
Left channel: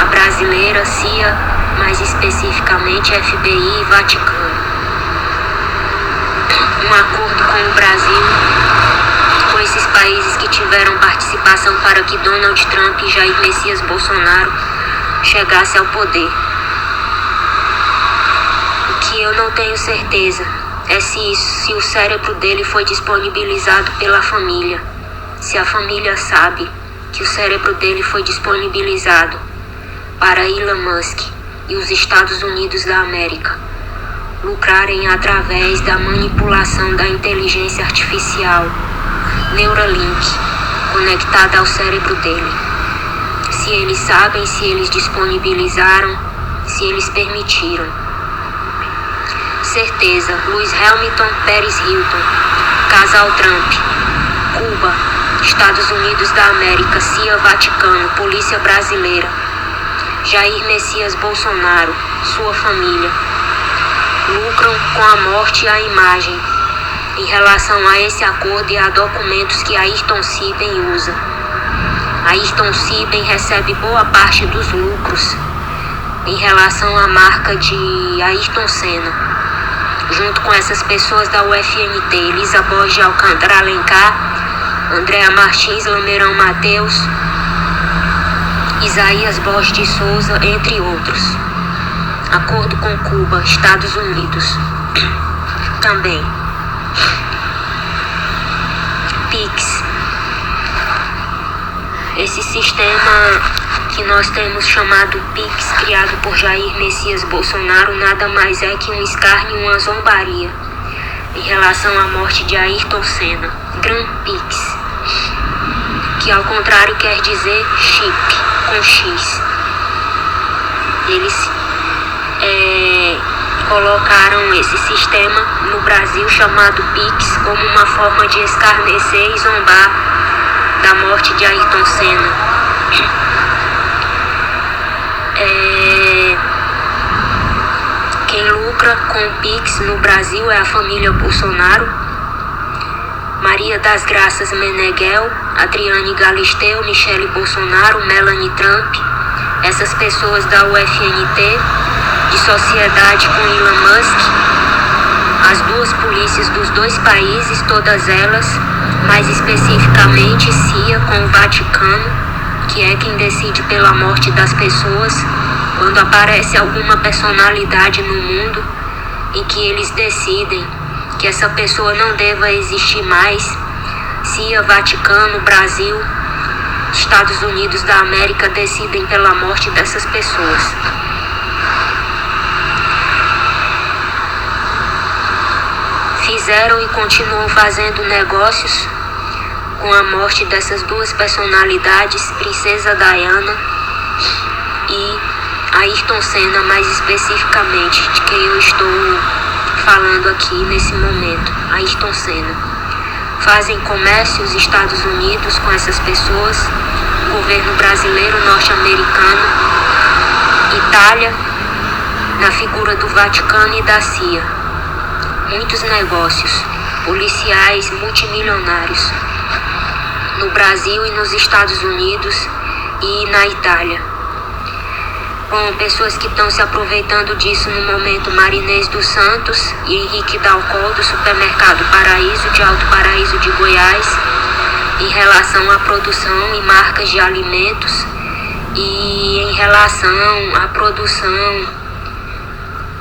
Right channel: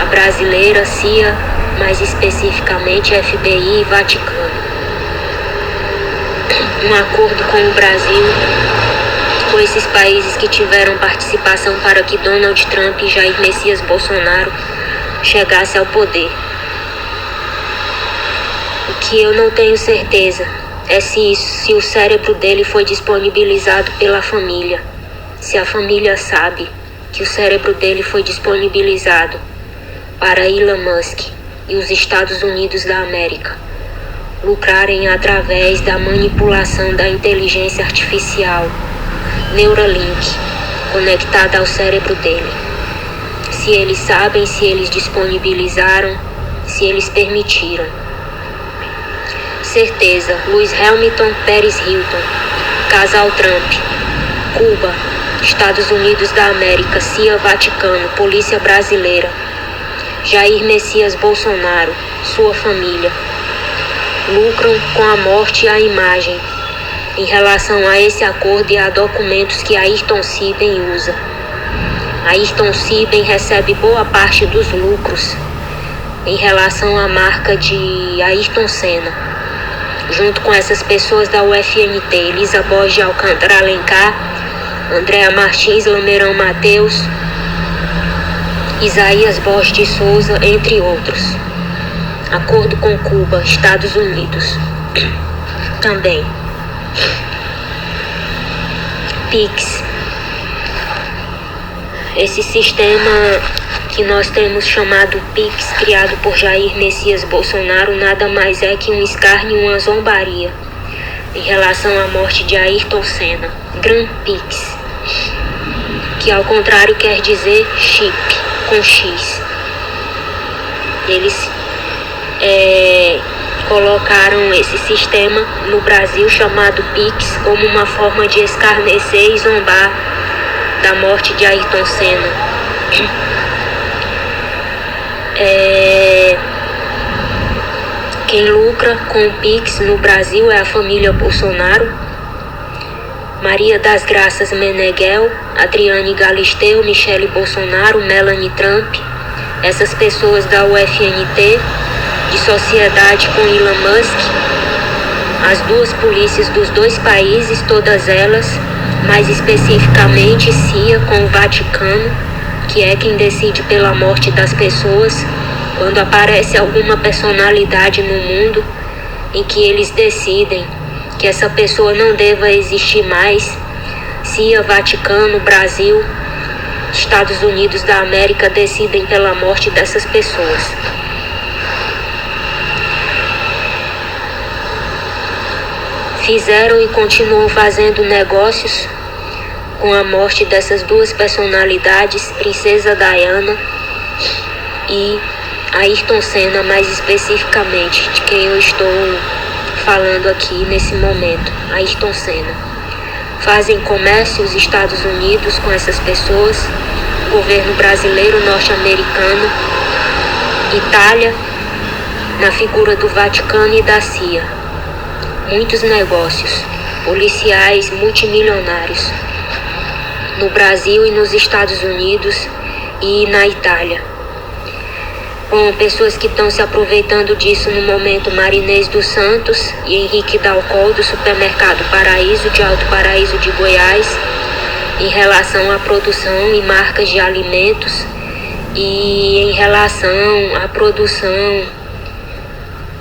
a brasileira, CIA, mais especificamente FBI e Vaticano. Um acordo com o Brasil, com esses países que tiveram participação para que Donald Trump e Jair Messias Bolsonaro chegasse ao poder. O que eu não tenho certeza é se o cérebro dele foi disponibilizado pela família. Se a família sabe que o cérebro dele foi disponibilizado para Elon Musk e os Estados Unidos da América lucrarem através da manipulação da inteligência artificial Neuralink conectada ao cérebro dele. Se eles sabem, se eles disponibilizaram, se eles permitiram. Certeza, Lewis Hamilton, Paris Hilton, Casal Trump, Cuba, Estados Unidos da América, CIA, Vaticano, Polícia Brasileira, Jair Messias Bolsonaro, sua família, lucram com a morte e a imagem em relação a esse acordo e a documentos que Ayrton Siben usa. Ayrton Siben recebe boa parte dos lucros em relação à marca de Ayrton Senna, junto com essas pessoas da UFMT, Elisa Borges de Alcântara Alencar, Andréa Martins, Lameirão Mateus, Isaías Borges de Souza, entre outros. Acordo com Cuba, Estados Unidos. Também. PIX. Esse sistema que nós temos chamado PIX, criado por Jair Messias Bolsonaro, nada mais é que um escárnio e uma zombaria em relação à morte de Ayrton Senna. Grand PIX, que ao contrário quer dizer chip, com X. Eles colocaram esse sistema no Brasil chamado PIX como uma forma de escarnecer e zombar da morte de Ayrton Senna. Quem lucra com o PIX no Brasil é a família Bolsonaro, Maria das Graças Meneghel, Adriane Galisteu, Michele Bolsonaro, Melanie Trump, essas pessoas da UFNT, de sociedade com Elon Musk, as duas polícias dos dois países, todas elas, mais especificamente CIA com o Vaticano, que é quem decide pela morte das pessoas, quando aparece alguma personalidade no mundo em que eles decidem que essa pessoa não deva existir mais. CIA, Vaticano, Brasil, Estados Unidos da América decidem pela morte dessas pessoas. Fizeram e continuam fazendo negócios com a morte dessas duas personalidades, Princesa Diana e Ayrton Senna, mais especificamente, de quem eu estou falando aqui nesse momento, Ayrton Senna. Fazem comércio os Estados Unidos com essas pessoas, o governo brasileiro, norte-americano, Itália, na figura do Vaticano e da CIA. Muitos negócios policiais multimilionários no Brasil e nos Estados Unidos e na Itália. Com pessoas que estão se aproveitando disso no momento, Marinês dos Santos e Henrique Dalcol, do supermercado Paraíso, de Alto Paraíso de Goiás, em relação à produção e marcas de alimentos e em relação à produção,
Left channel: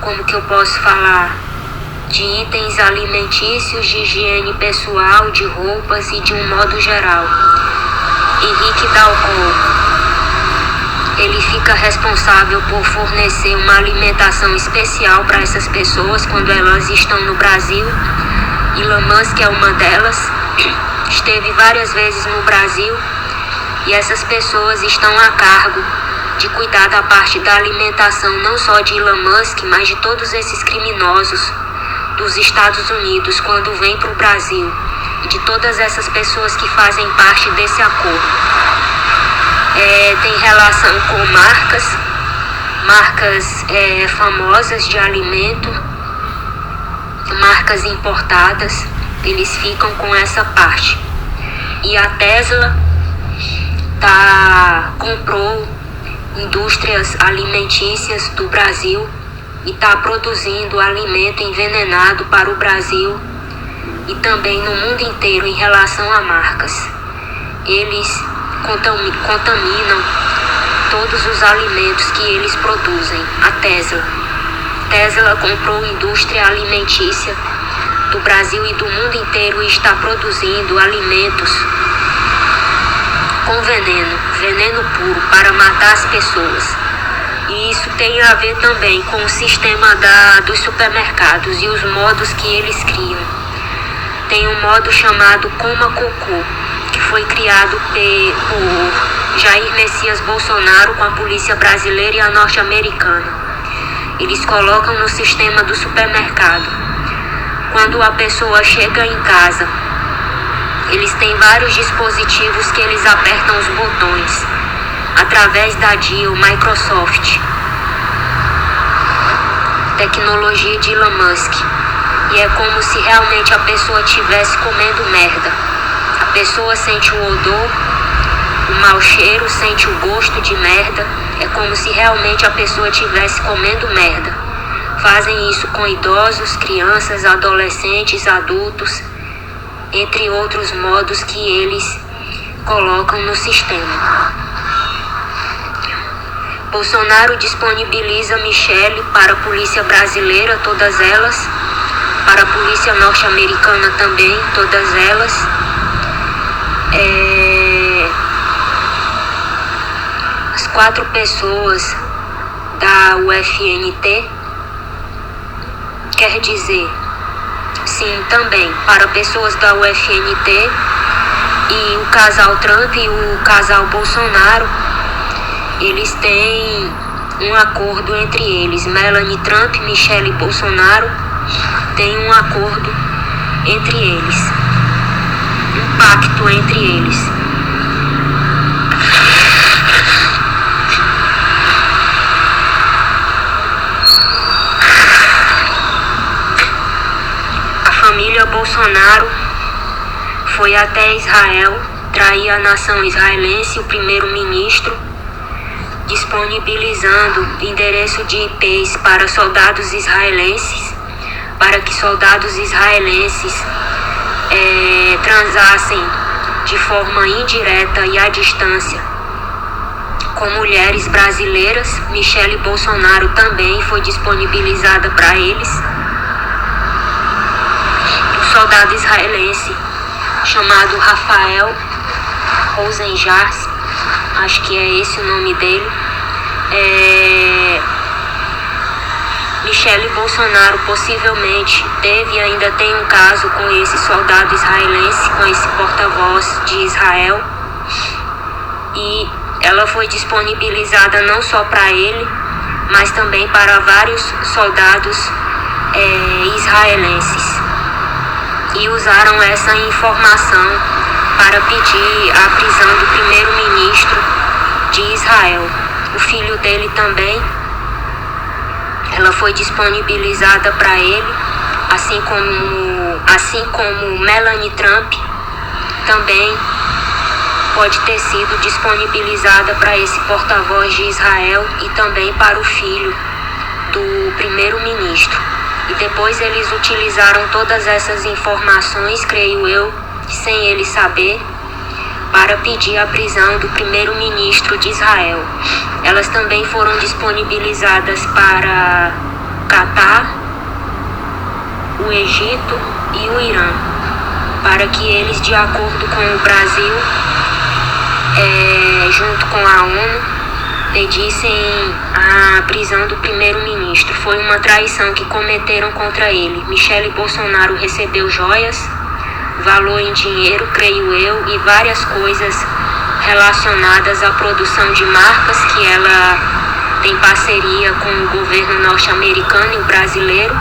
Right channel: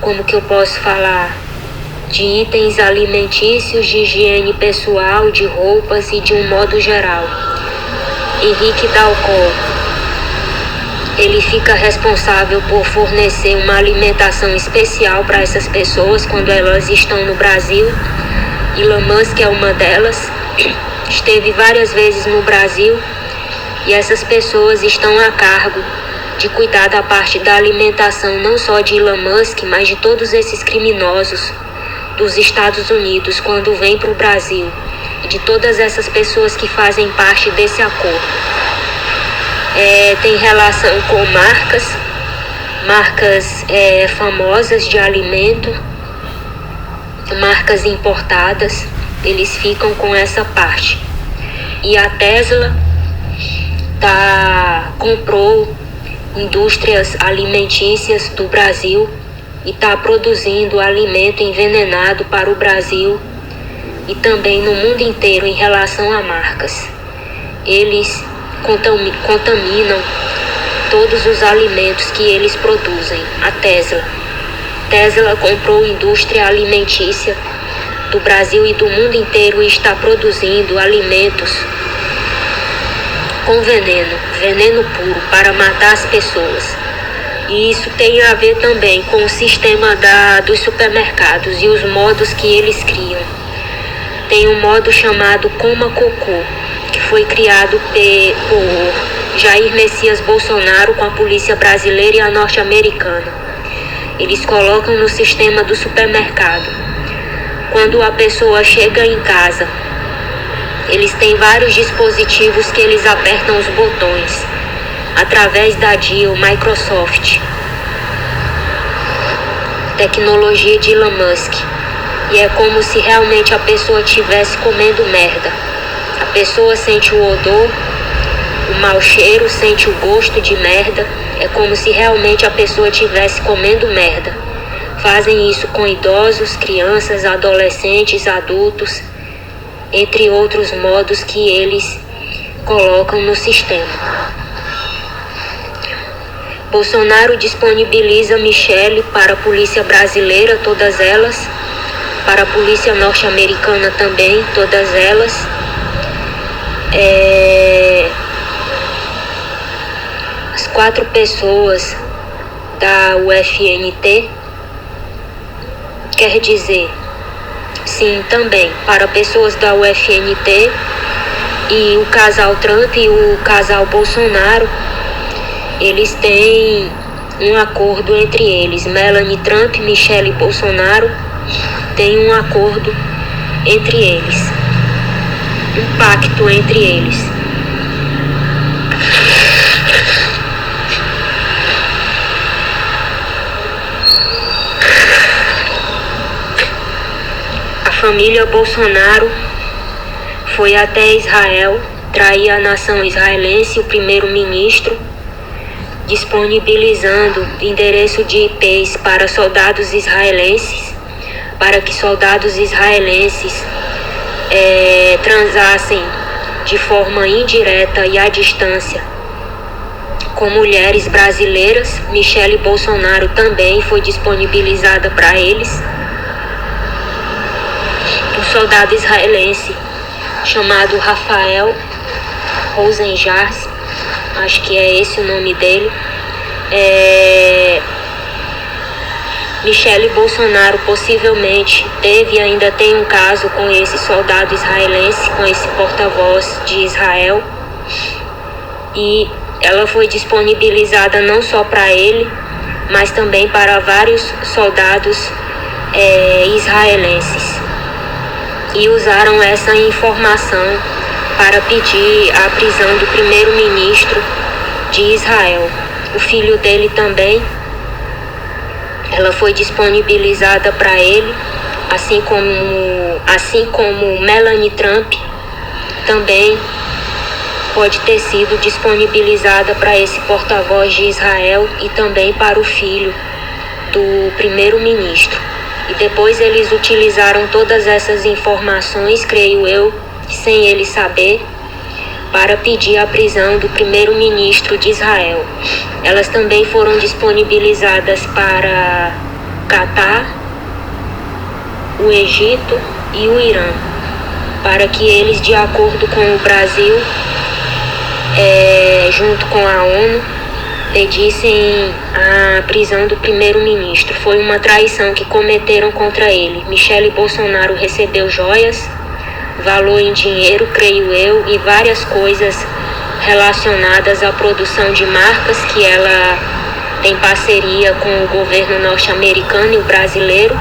como que eu posso falar, de itens alimentícios, de higiene pessoal, de roupas e de um modo geral. Henrique Dalcol ele fica responsável por fornecer uma alimentação especial para essas pessoas quando elas estão no Brasil. Elon Musk é uma delas, esteve várias vezes no Brasil e essas pessoas estão a cargo de cuidar da parte da alimentação não só de Elon Musk, mas de todos esses criminosos dos Estados Unidos quando vêm para o Brasil, e de todas essas pessoas que fazem parte desse acordo. Tem relação com marcas famosas de alimento, marcas importadas, eles ficam com essa parte. E a Tesla comprou indústrias alimentícias do Brasil e está produzindo alimento envenenado para o Brasil e também no mundo inteiro em relação a marcas. Eles contaminam todos os alimentos que eles produzem. A Tesla comprou indústria alimentícia do Brasil e do mundo inteiro e está produzindo alimentos com veneno puro para matar as pessoas. E isso tem a ver também com o sistema dos supermercados e os modos que eles criam. Tem um modo chamado Coma Cocô, que foi criado por Jair Messias Bolsonaro com a polícia brasileira e a norte-americana. Eles colocam no sistema do supermercado. Quando a pessoa chega em casa, eles têm vários dispositivos que eles apertam os botões através da Deal Microsoft, tecnologia de Elon Musk. E é como se realmente a pessoa estivesse comendo merda. A pessoa sente o odor, o mau cheiro, sente o gosto de merda. É como se realmente a pessoa estivesse comendo merda. Fazem isso com idosos, crianças, adolescentes, adultos, entre outros modos que eles colocam no sistema. Bolsonaro disponibiliza Michelle para a polícia brasileira, todas elas, para a polícia norte-americana também, todas elas. As 4 pessoas da UFNT, quer dizer, sim, também para pessoas da UFNT e o casal Trump e o casal Bolsonaro, eles têm um acordo entre eles. Melanie Trump, Michelle Bolsonaro, tem um acordo entre eles, um pacto entre eles. A família Bolsonaro foi até Israel trair a nação israelense, o primeiro-ministro, disponibilizando endereço de IPs para soldados israelenses, para que soldados israelenses transassem de forma indireta e à distância com mulheres brasileiras. Michelle Bolsonaro também foi disponibilizada para eles. Um soldado israelense chamado Rafael Rosenjars, acho que é esse o nome dele. Michelle Bolsonaro possivelmente teve e ainda tem um caso com esse soldado israelense, com esse porta-voz de Israel. E ela foi disponibilizada não só para ele, mas também para vários soldados israelenses. E usaram essa informação para pedir a prisão do primeiro-ministro de Israel. O filho dele também, ela foi disponibilizada para ele, assim como Melanie Trump também pode ter sido disponibilizada para esse porta-voz de Israel e também para o filho do primeiro-ministro. E depois eles utilizaram todas essas informações, creio eu, sem ele saber, para pedir a prisão do primeiro-ministro de Israel. Elas também foram disponibilizadas para Catar, o Egito e o Irã, para que eles, de acordo com o Brasil, junto com a ONU, pedissem a prisão do primeiro-ministro. Foi uma traição que cometeram contra ele. Michele Bolsonaro recebeu joias, valor em dinheiro, creio eu, e várias coisas relacionadas à produção de marcas que ela tem parceria com o governo norte-americano e o brasileiro,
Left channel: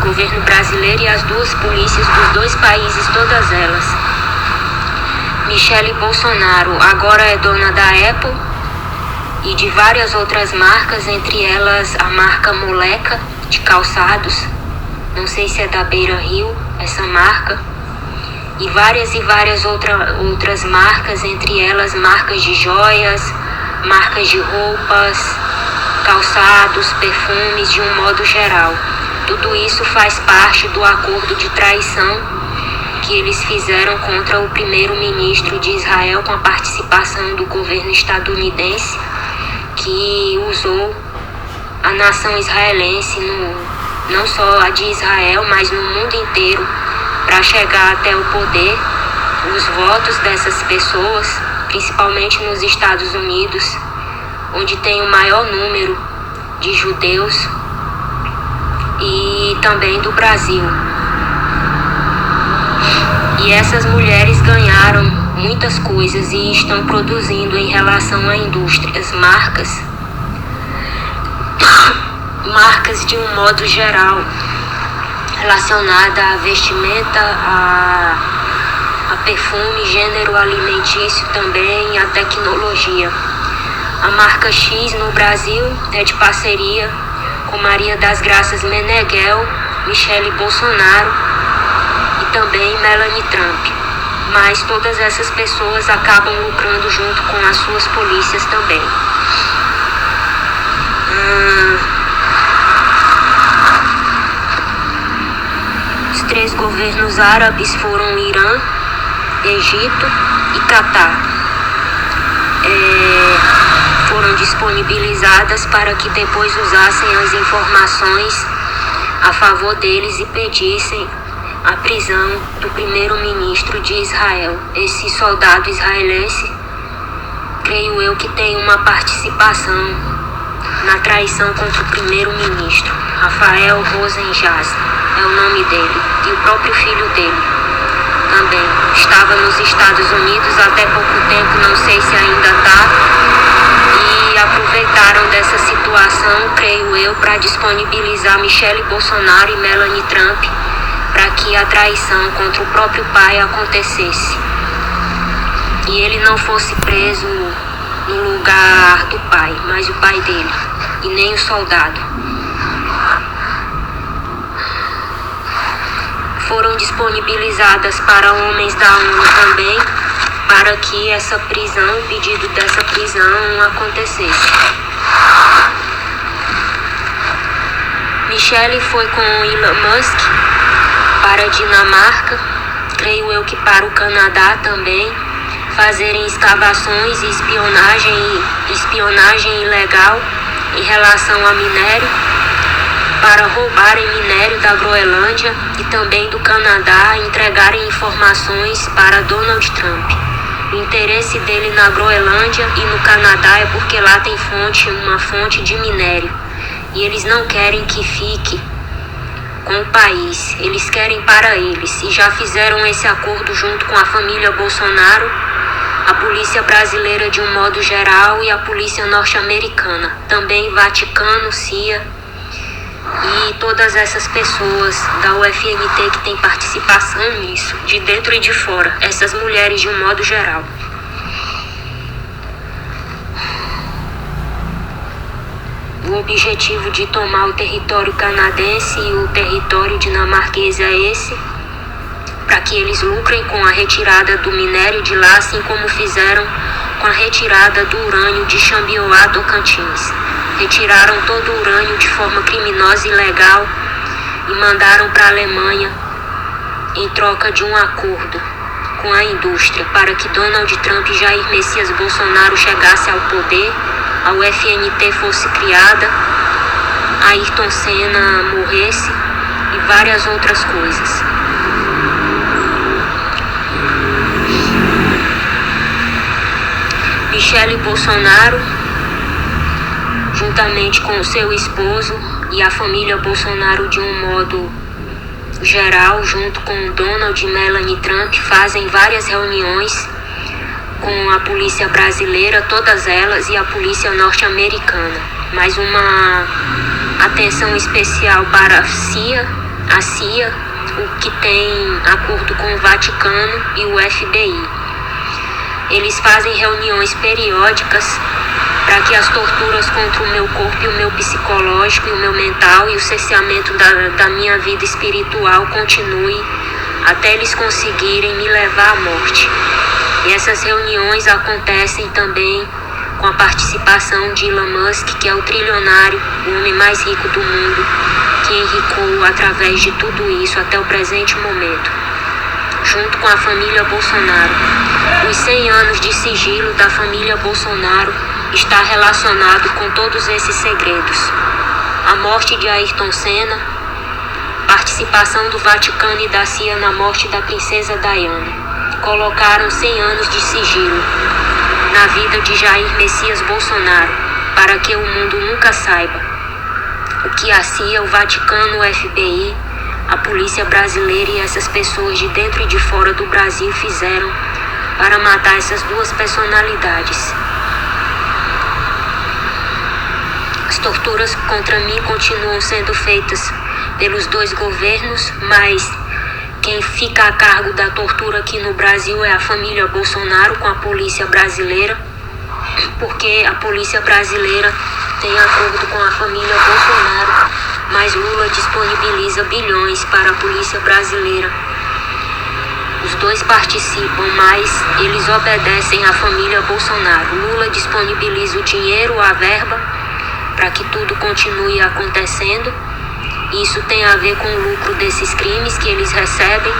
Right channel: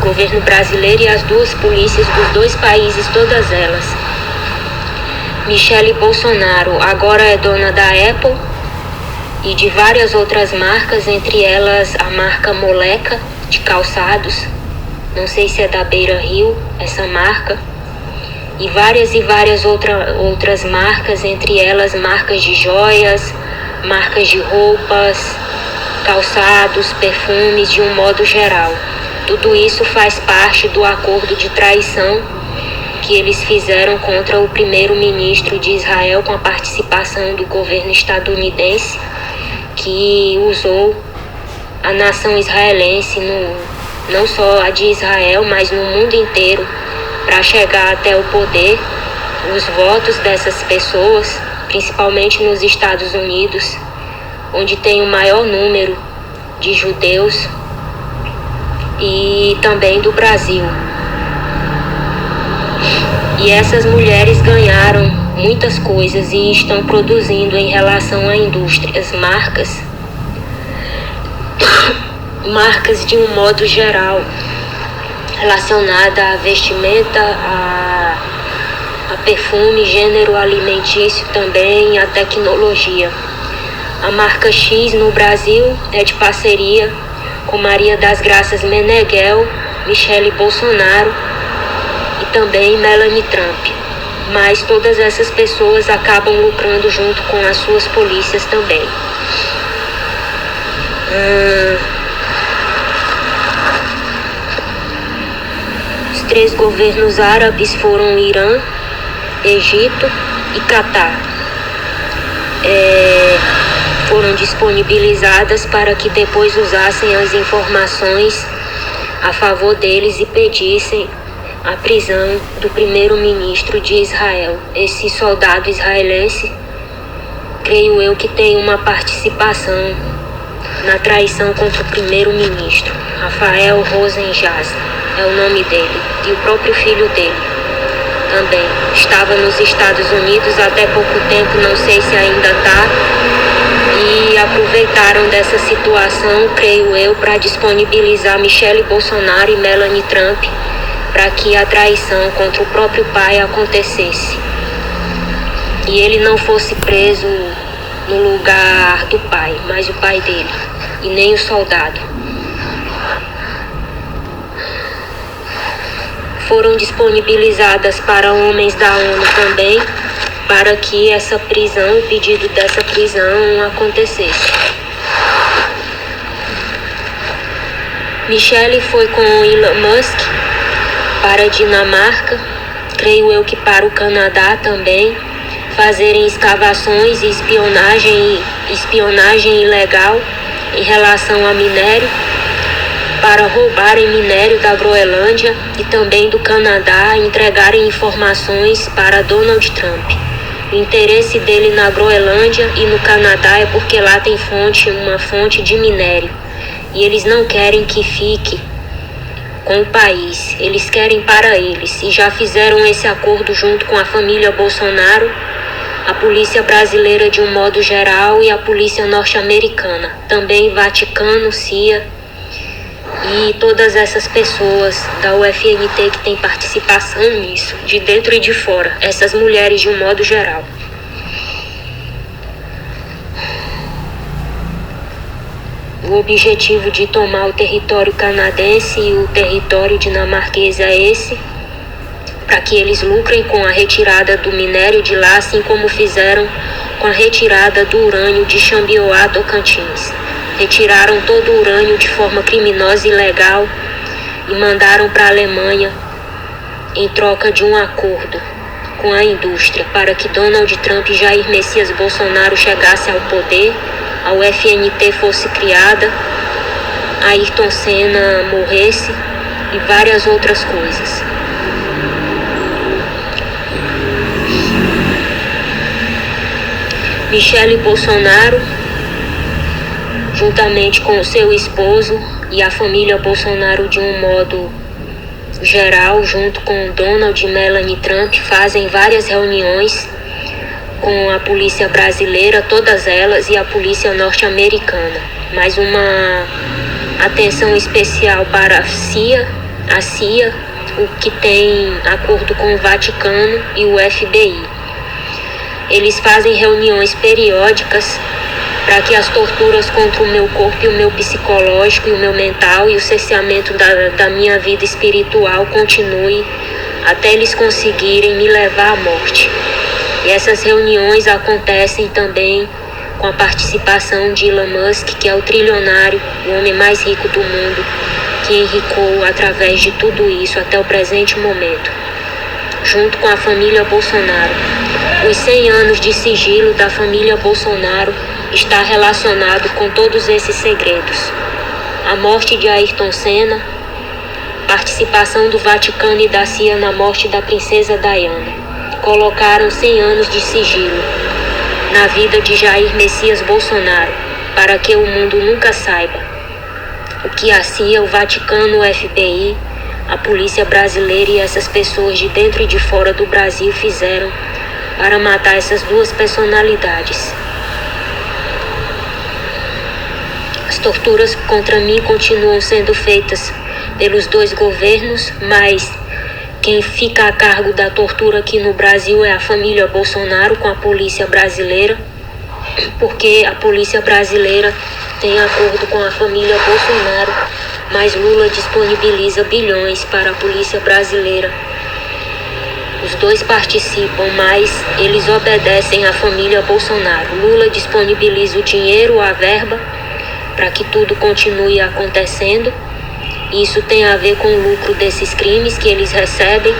governo brasileiro e as duas polícias dos dois países, todas elas. Michele Bolsonaro agora é dona da Apple e de várias outras marcas, entre elas a marca Moleca de calçados, não sei se é da Beira Rio essa marca, e várias outras marcas, entre elas marcas de joias, marcas de roupas, calçados, perfumes, de um modo geral. Tudo isso faz parte do acordo de traição que eles fizeram contra o primeiro-ministro de Israel, com a participação do governo estadunidense, que usou a nação israelense, não só a de Israel, mas no mundo inteiro, para chegar até o poder. Os votos dessas pessoas, principalmente nos Estados Unidos, onde tem o maior número de judeus, e também do Brasil. E essas mulheres ganharam muitas coisas e estão produzindo em relação à indústria, as marcas de um modo geral, relacionada à vestimenta, a perfume, gênero alimentício também, a tecnologia. A marca X no Brasil é de parceria com Maria das Graças Meneghel, Michele Bolsonaro e também Melanie Trump. Mas todas essas pessoas acabam lucrando junto com as suas polícias também. Os 3 governos árabes foram Irã, Egito e Catar. Foram disponibilizadas para que depois usassem as informações a favor deles e pedissem a prisão do primeiro-ministro de Israel. Esse soldado israelense, creio eu que tem uma participação na traição contra o primeiro-ministro. Rafael Rosenjaz é o nome dele, e o próprio filho dele também estava nos Estados Unidos até pouco tempo, não sei se ainda está, e aproveitaram dessa situação, creio eu, para disponibilizar Michele Bolsonaro e Melanie Trump para que a traição contra o próprio pai acontecesse e ele não fosse preso no lugar do pai, mas o pai dele, e nem o soldado. Foram disponibilizadas para homens da ONU também, para que essa prisão, o pedido dessa prisão acontecesse. Michele foi com Elon Musk para a Dinamarca, creio eu que para o Canadá também, fazerem escavações e espionagem ilegal em relação a minério, para roubarem minério da Groenlândia e também do Canadá, e entregarem informações para Donald Trump. O interesse dele na Groenlândia e no Canadá é porque lá tem uma fonte de minério, e eles não querem que fique com o país, eles querem para eles, e já fizeram esse acordo junto com a família Bolsonaro, a polícia brasileira de um modo geral e a polícia norte-americana, também Vaticano, CIA e todas essas pessoas da UFNT que tem participação nisso, de dentro e de fora, essas mulheres de um modo geral. O objetivo de tomar o território canadense e o território dinamarquês é esse, para que eles lucrem com a retirada do minério de lá, assim como fizeram com a retirada do urânio de Xambioá, Tocantins. Retiraram todo o urânio de forma criminosa e ilegal e mandaram para a Alemanha em troca de um acordo com a indústria para que Donald Trump e Jair Messias Bolsonaro chegassem ao poder, a UFNT fosse criada, Ayrton Senna morresse e várias outras coisas. Michele Bolsonaro juntamente com seu esposo e a família Bolsonaro de um modo geral, junto com Donald e Melanie Trump, fazem várias reuniões com a polícia brasileira, todas elas, e a polícia norte-americana. Mais uma atenção especial para a CIA, o que tem acordo com o Vaticano e o FBI. Eles fazem reuniões periódicas para que as torturas contra o meu corpo e o meu psicológico e o meu mental e o cerceamento da minha vida espiritual continue até eles conseguirem me levar à morte. E essas reuniões acontecem também com a participação de Elon Musk, que é o trilionário, o homem mais rico do mundo, que enricou através de tudo isso até o presente momento, junto com a família Bolsonaro. Os 100 anos de sigilo da família Bolsonaro está relacionado com todos esses segredos. A morte de Ayrton Senna, participação do Vaticano e da CIA na morte da princesa Diana. Colocaram 100 anos de sigilo na vida de Jair Messias Bolsonaro, para que o mundo nunca saiba o que a CIA, o Vaticano, o FBI, a polícia brasileira e essas pessoas de dentro e de fora do Brasil fizeram para matar essas duas personalidades. As torturas contra mim continuam sendo feitas pelos dois governos, mas quem fica a cargo da tortura aqui no Brasil é a família Bolsonaro com a polícia brasileira, porque a polícia brasileira tem acordo com a família Bolsonaro, mas Lula disponibiliza bilhões para a polícia brasileira. Os dois participam, mas eles obedecem à família Bolsonaro. Lula disponibiliza o dinheiro, a verba, para que tudo continue acontecendo. Isso tem a ver com o lucro desses crimes que eles recebem,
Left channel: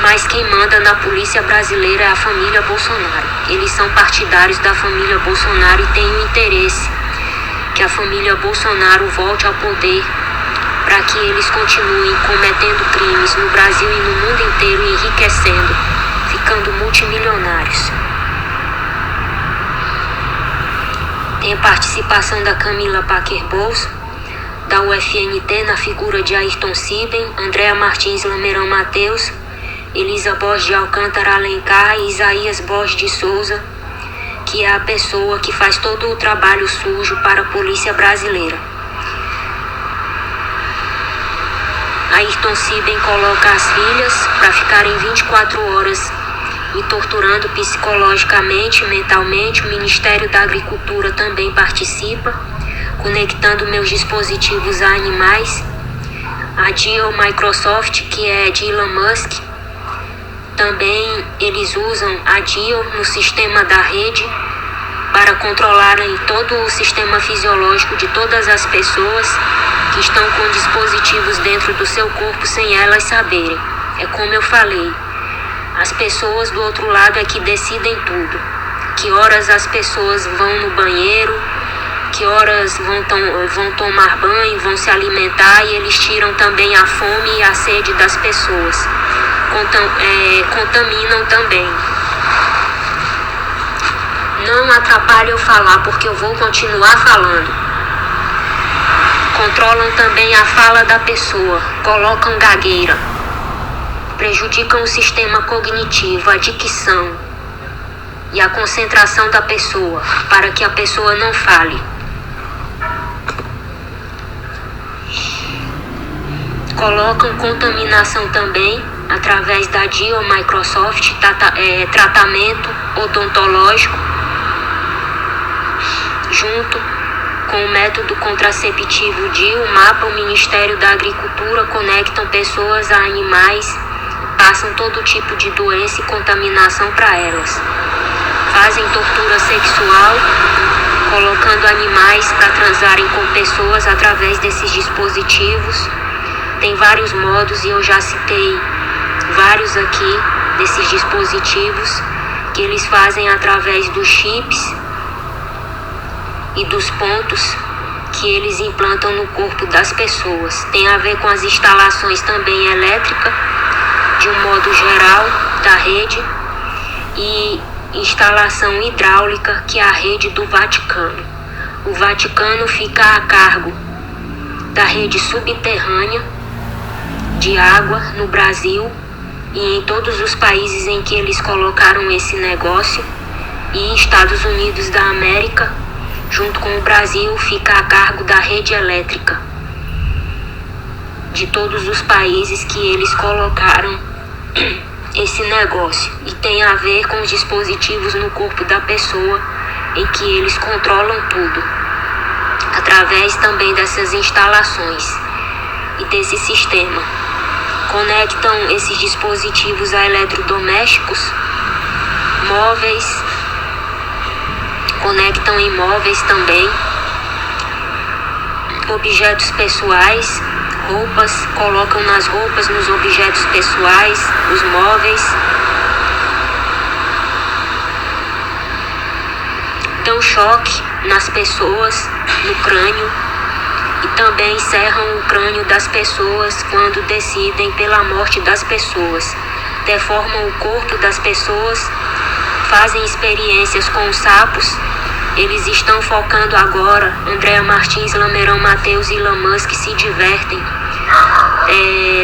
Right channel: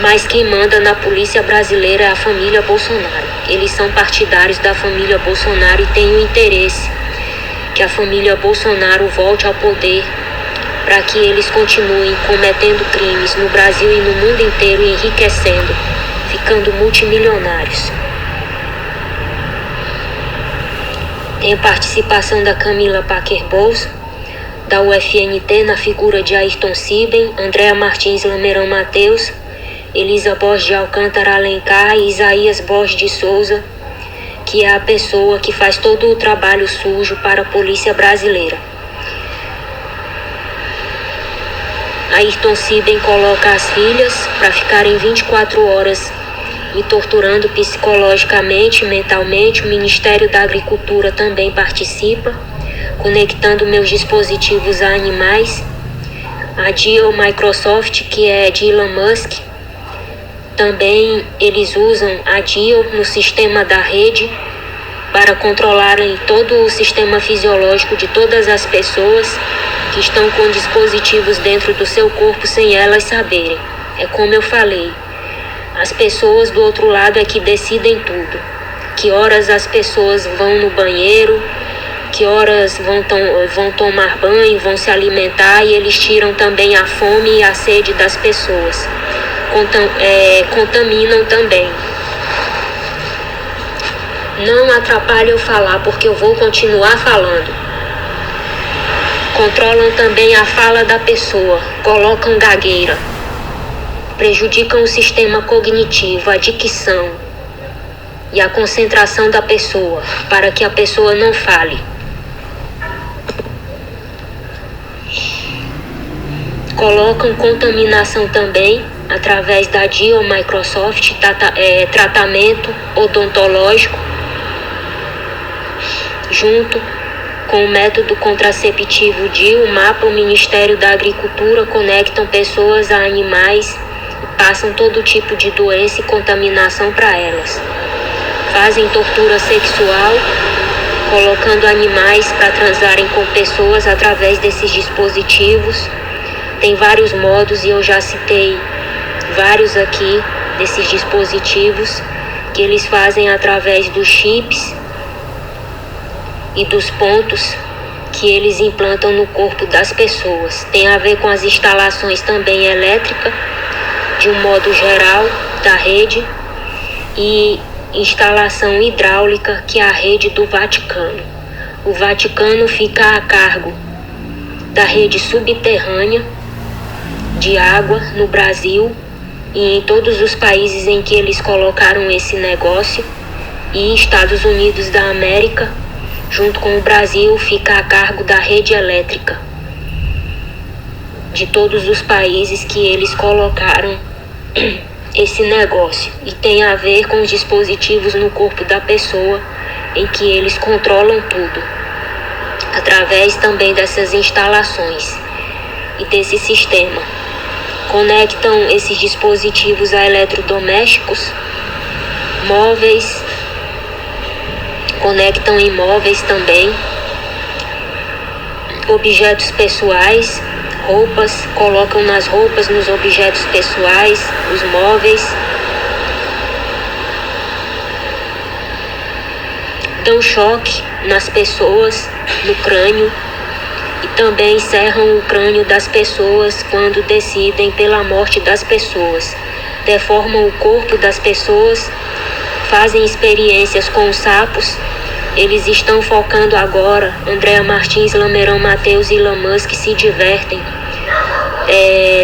mas quem manda na polícia brasileira é a família Bolsonaro. Eles são partidários da família Bolsonaro e têm o interesse que a família Bolsonaro volte ao poder para que eles continuem cometendo crimes no Brasil e no mundo inteiro e enriquecendo, ficando multimilionários. Tem a participação da Camila Parker Bowles, da UFNT, na figura de Ayrton Siben, Andréa Martins Lameirão Mateus, Elisa Borges de Alcântara Alencar e Isaías Borges de Souza, que é a pessoa que faz todo o trabalho sujo para a polícia brasileira. Ayrton Siben coloca as filhas para ficarem 24 horas me torturando psicologicamente, mentalmente. O Ministério da Agricultura também participa, conectando meus dispositivos a animais. A Deal Microsoft, que é de Elon Musk, também eles usam a Deal no sistema da rede para controlarem todo o sistema fisiológico de todas as pessoas que estão com dispositivos dentro do seu corpo sem elas saberem. É como eu falei, as pessoas do outro lado é que decidem tudo. Que horas as pessoas vão no banheiro, que horas vão tomar banho, vão se alimentar, e eles tiram também a fome e a sede das pessoas. Contaminam também. Não atrapalhe eu falar, porque eu vou continuar falando. Controlam também a fala da pessoa, colocam gagueira, prejudicam o sistema cognitivo, a dicção e a concentração da pessoa, para que a pessoa não fale. Colocam contaminação também através da Deal Microsoft, tratamento odontológico, junto com o método contraceptivo DIU. O mapa, o Ministério da Agricultura conectam pessoas a animais e passam todo tipo de doença e contaminação para elas. Fazem tortura sexual, colocando animais para transarem com pessoas através desses dispositivos. Tem vários modos e eu já citei vários aqui desses dispositivos que eles fazem através dos chips e dos pontos que eles implantam no corpo das pessoas. Tem a ver com as instalações também elétricas, de um modo geral, da rede, e instalação hidráulica, que é a rede do Vaticano. o Vaticano fica a cargo da rede subterrânea de água no Brasil e em todos os países em que eles colocaram esse negócio, e Estados Unidos da América, junto com o Brasil, fica a cargo da rede elétrica de todos os países que eles colocaram esse negócio, e tem a ver com os dispositivos no corpo da pessoa em que eles controlam tudo, através também dessas instalações e desse sistema. Conectam esses dispositivos a eletrodomésticos, móveis, conectam em móveis também, objetos pessoais, roupas, colocam nas roupas, nos objetos pessoais, os móveis. Dão choque nas pessoas, no crânio, e também serram o crânio das pessoas quando decidem pela morte das pessoas. Deformam o corpo das pessoas, fazem experiências com os sapos. Eles estão focando agora, Andréa Martins, Lamerão Mateus e Elon Musk se divertem,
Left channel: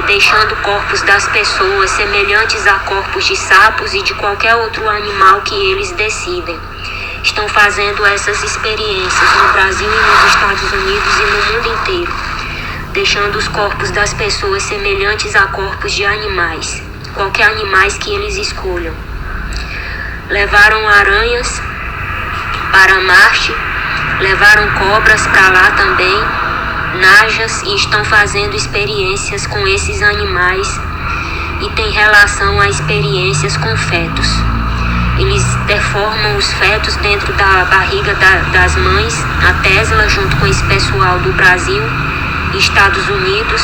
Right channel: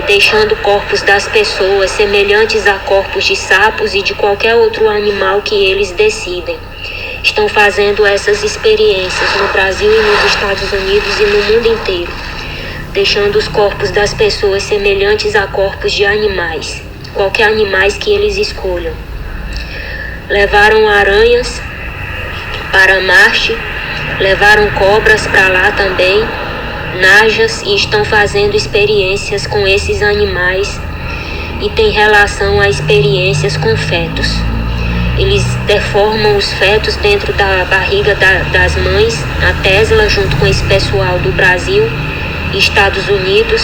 deixando corpos das pessoas semelhantes a corpos de sapos e de qualquer outro animal que eles decidem. Estão fazendo essas experiências no Brasil e nos Estados Unidos e no mundo inteiro, deixando os corpos das pessoas semelhantes a corpos de animais, qualquer animais que eles escolham. Levaram aranhas para Marte, levaram cobras para lá também, najas, e estão fazendo experiências com esses animais, e tem relação a experiências com fetos. Eles deformam os fetos dentro da barriga das mães. A Tesla, junto com esse pessoal do Brasil e Estados Unidos,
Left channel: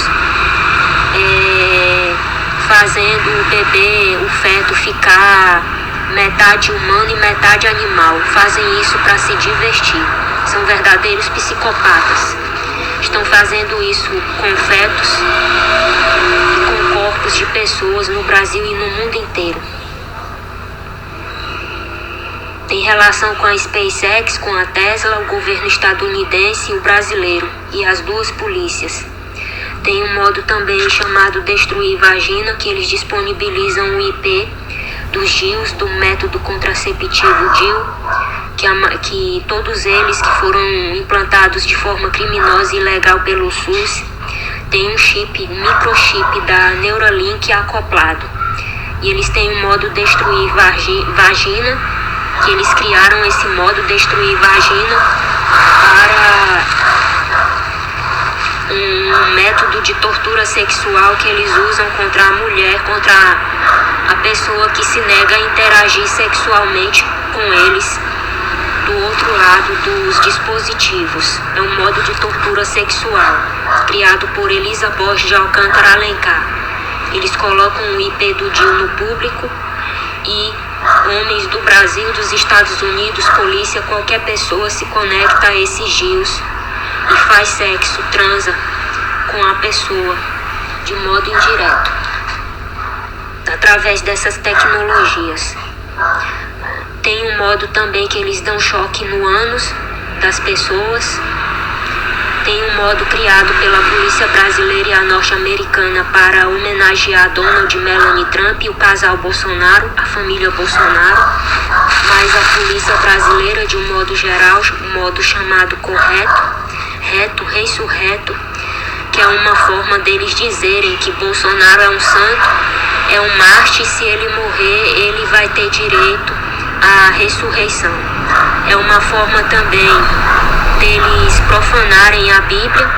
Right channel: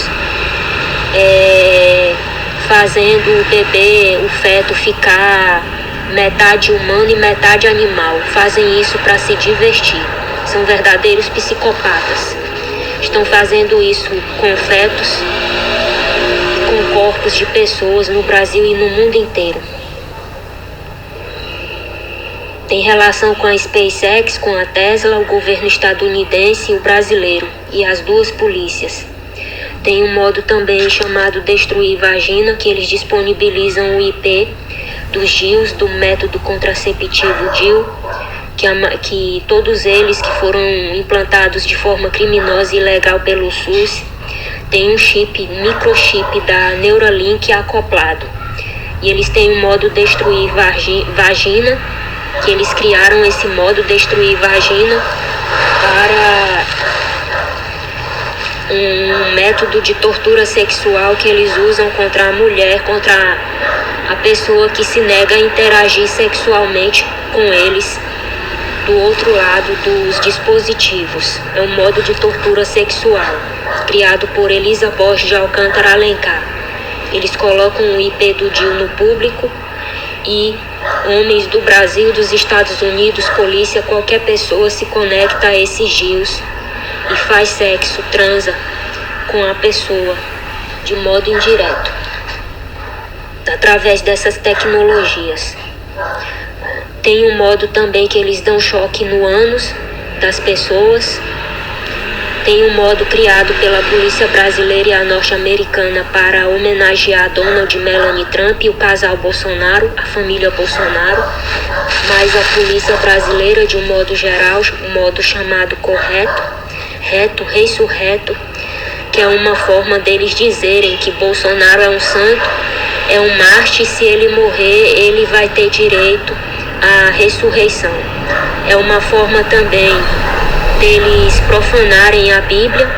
fazendo o bebê, o feto, ficar metade humano e metade animal. Fazem isso para se divertir. São verdadeiros psicopatas. Estão fazendo isso com fetos, com corpos de pessoas no Brasil e no mundo inteiro. Tem relação com a SpaceX, com a Tesla, o governo estadunidense e o brasileiro, e as duas polícias. Tem um modo também chamado Destruir Vagina, que eles disponibilizam o IP dos DIUs, do método contraceptivo DIU, que todos eles que foram implantados de forma criminosa e ilegal pelo SUS, tem um chip, microchip da Neuralink acoplado. E eles têm um modo Destruir Vagina, que eles criaram esse modo Destruir Vagina para um método de tortura sexual que eles usam contra a mulher, contra a pessoa que se nega a interagir sexualmente com eles do outro lado dos dispositivos. É um modo de tortura sexual criado por Elisa Borges de Alcântara Alencar. Eles colocam o IP do DIU no público, e homens do Brasil, dos Estados Unidos, polícia, qualquer pessoa se conecta a esses DIUs e faz sexo, transa com a pessoa de modo indireto, através dessas tecnologias. Tem um modo também que eles dão choque no ânus das pessoas. Tem um modo criado pela polícia brasileira e a norte-americana para homenagear Donald e Melanie Trump e o casal Bolsonaro, a família Bolsonaro, mas a polícia brasileira, de um modo geral, um modo chamado correto, reto, ressurreto, que é uma forma deles dizerem que Bolsonaro é um santo, é um mártir, se ele morrer, ele vai ter direito à ressurreição. É uma forma também deles profanarem a Bíblia,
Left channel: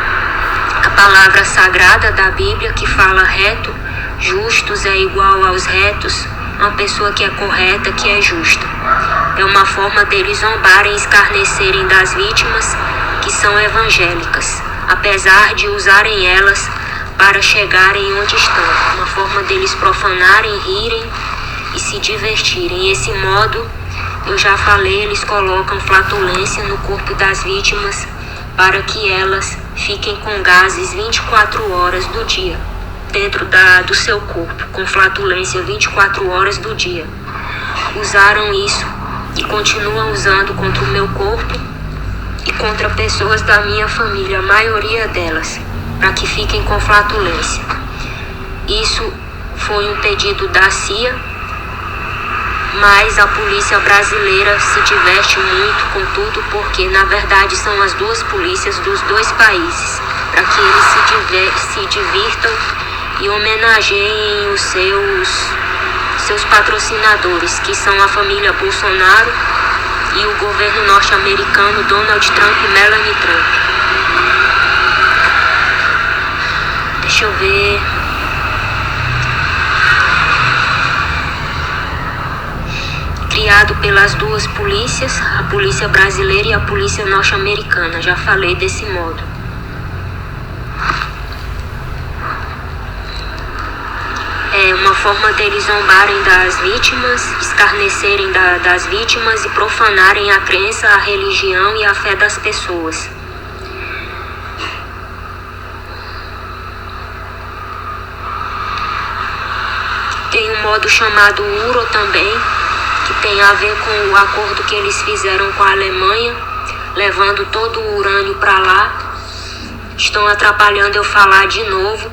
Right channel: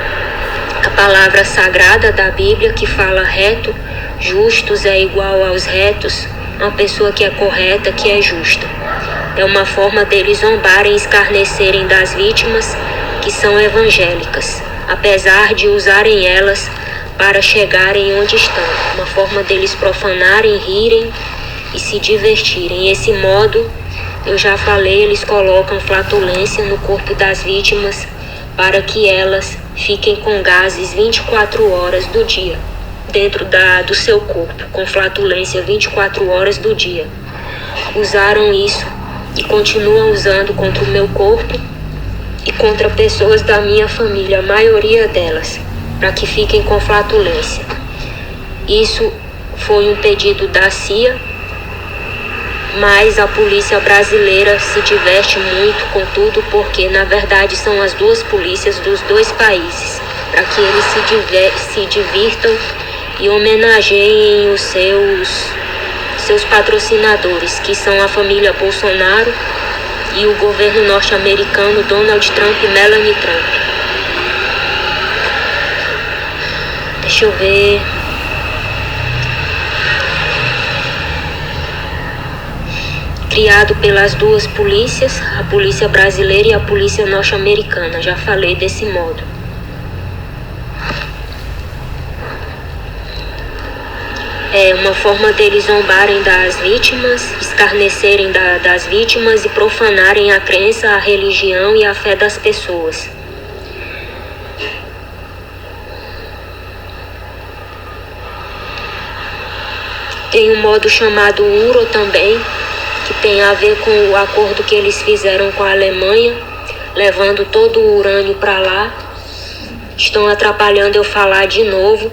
a palavra sagrada da Bíblia, que fala reto, justos é igual aos retos, uma pessoa que é correta, que é justa. É uma forma deles zombarem e escarnecerem das vítimas que são evangélicas, apesar de usarem elas para chegarem onde estão. Uma forma deles profanarem, rirem e se divertirem. Esse modo, eu já falei, eles colocam flatulência no corpo das vítimas para que elas fiquem com gases 24 horas do dia dentro do seu corpo, com flatulência 24 horas do dia. Usaram isso e continuam usando contra o meu corpo e contra pessoas da minha família, a maioria delas, para que fiquem com flatulência. Isso foi um pedido da CIA, mas a polícia brasileira se diverte muito com tudo, porque na verdade são as duas polícias dos dois países, para que eles se divirtam e homenageiem os seus patrocinadores, que são a família Bolsonaro e o governo norte-americano Donald Trump e Melania Trump. Deixa eu ver. Criado pelas duas polícias, a polícia brasileira e a polícia norte-americana. Já falei desse modo. É uma forma deles zombarem das vítimas, escarnecerem das vítimas e profanarem a crença, a religião e a fé das pessoas. Tem um modo chamado URO também, que tem a ver com o acordo que eles fizeram com a Alemanha, levando todo o urânio para lá. Estão atrapalhando eu falar de novo,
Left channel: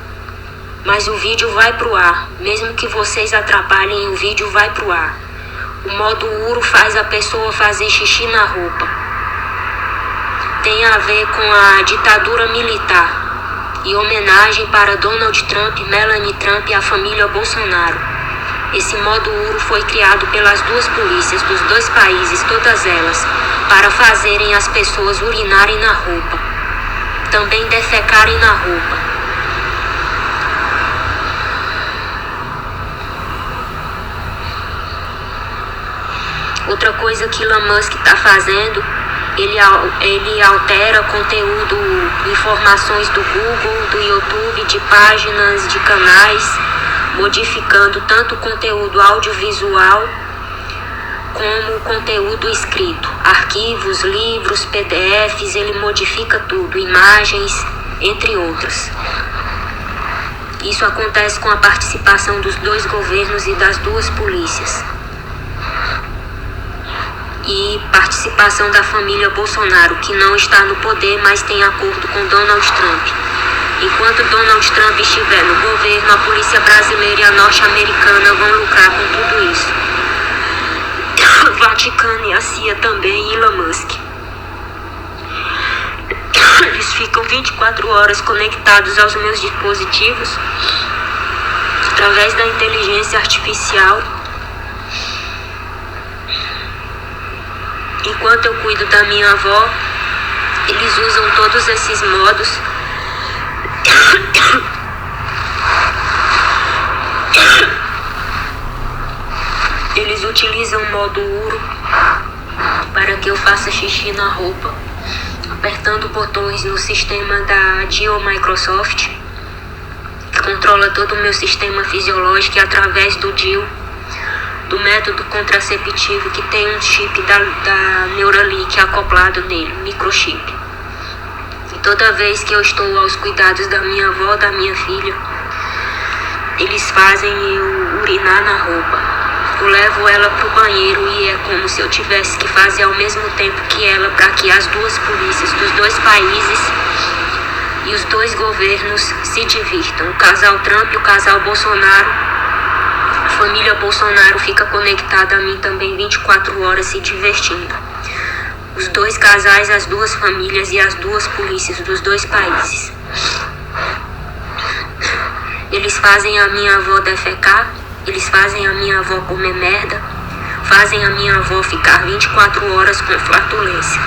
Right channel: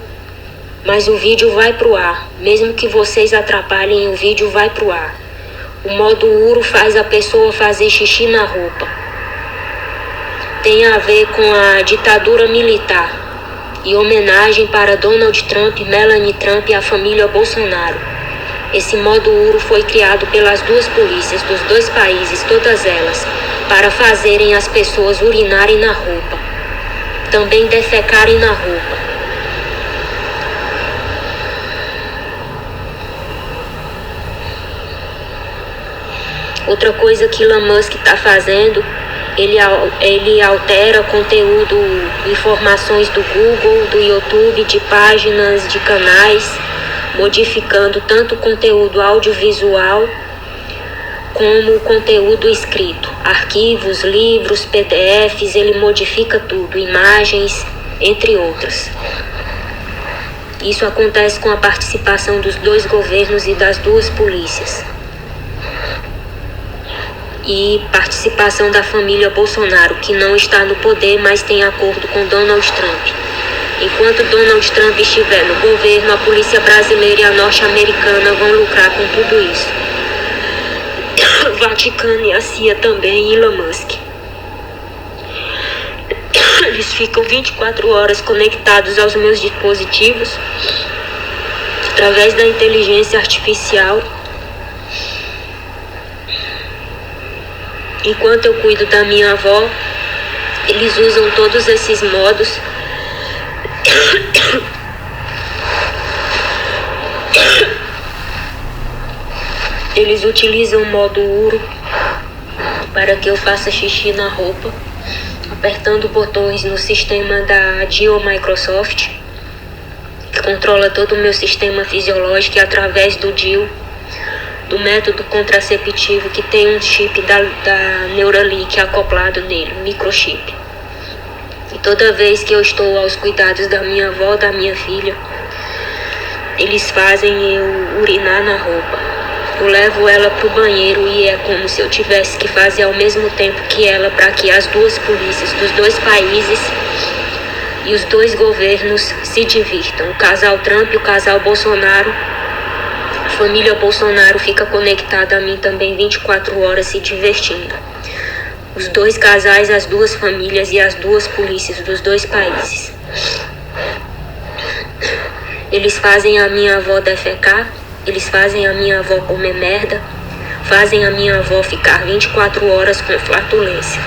mas o vídeo vai pro ar. Mesmo que vocês atrapalhem, o vídeo vai pro ar. O modo URO faz a pessoa fazer xixi na roupa. Tem a ver com a ditadura militar e homenagem para Donald Trump, Melania Trump e a família Bolsonaro. Esse modo URO foi criado pelas duas polícias dos dois países, todas elas, para fazerem as pessoas urinarem na roupa, também defecarem na roupa. Outra coisa que Elon Musk está fazendo, ele altera conteúdo, informações do Google, do YouTube, de páginas, de canais, modificando tanto o conteúdo audiovisual como o conteúdo escrito. Arquivos, livros, PDFs, ele modifica tudo, imagens, entre outros. Isso acontece com a participação dos dois governos e das duas polícias. E participação da família Bolsonaro, que não está no poder, mas tem acordo com Donald Trump. Enquanto Donald Trump estiver no governo, a polícia brasileira e a norte-americana vão lucrar com tudo isso. O Vaticano e a CIA também, e Elon Musk. Eles ficam 24 horas conectados aos meus dispositivos através da inteligência artificial. Enquanto eu cuido da minha avó, eles usam todos esses modos. Eles utilizam o modo URO para que eu faça xixi na roupa, apertando botões no sistema da DIO Microsoft, que controla todo o meu sistema fisiológico, e através do DIO, do método contraceptivo, que tem um chip da Neuralink acoplado nele, um microchip. E toda vez que eu estou aos cuidados da minha avó, da minha filha, eles fazem eu urinar na roupa. Eu levo ela pro banheiro e é como se eu tivesse que fazer ao mesmo tempo que ela, para que as duas polícias dos dois países e os dois governos se divirtam. O casal Trump e o casal Bolsonaro. A família Bolsonaro fica conectada a mim também 24 horas se divertindo. Os dois casais, as duas famílias e as duas polícias dos dois países. Eles fazem a minha avó defecar, eles fazem a minha avó comer merda, fazem a minha avó ficar 24 horas com flatulência.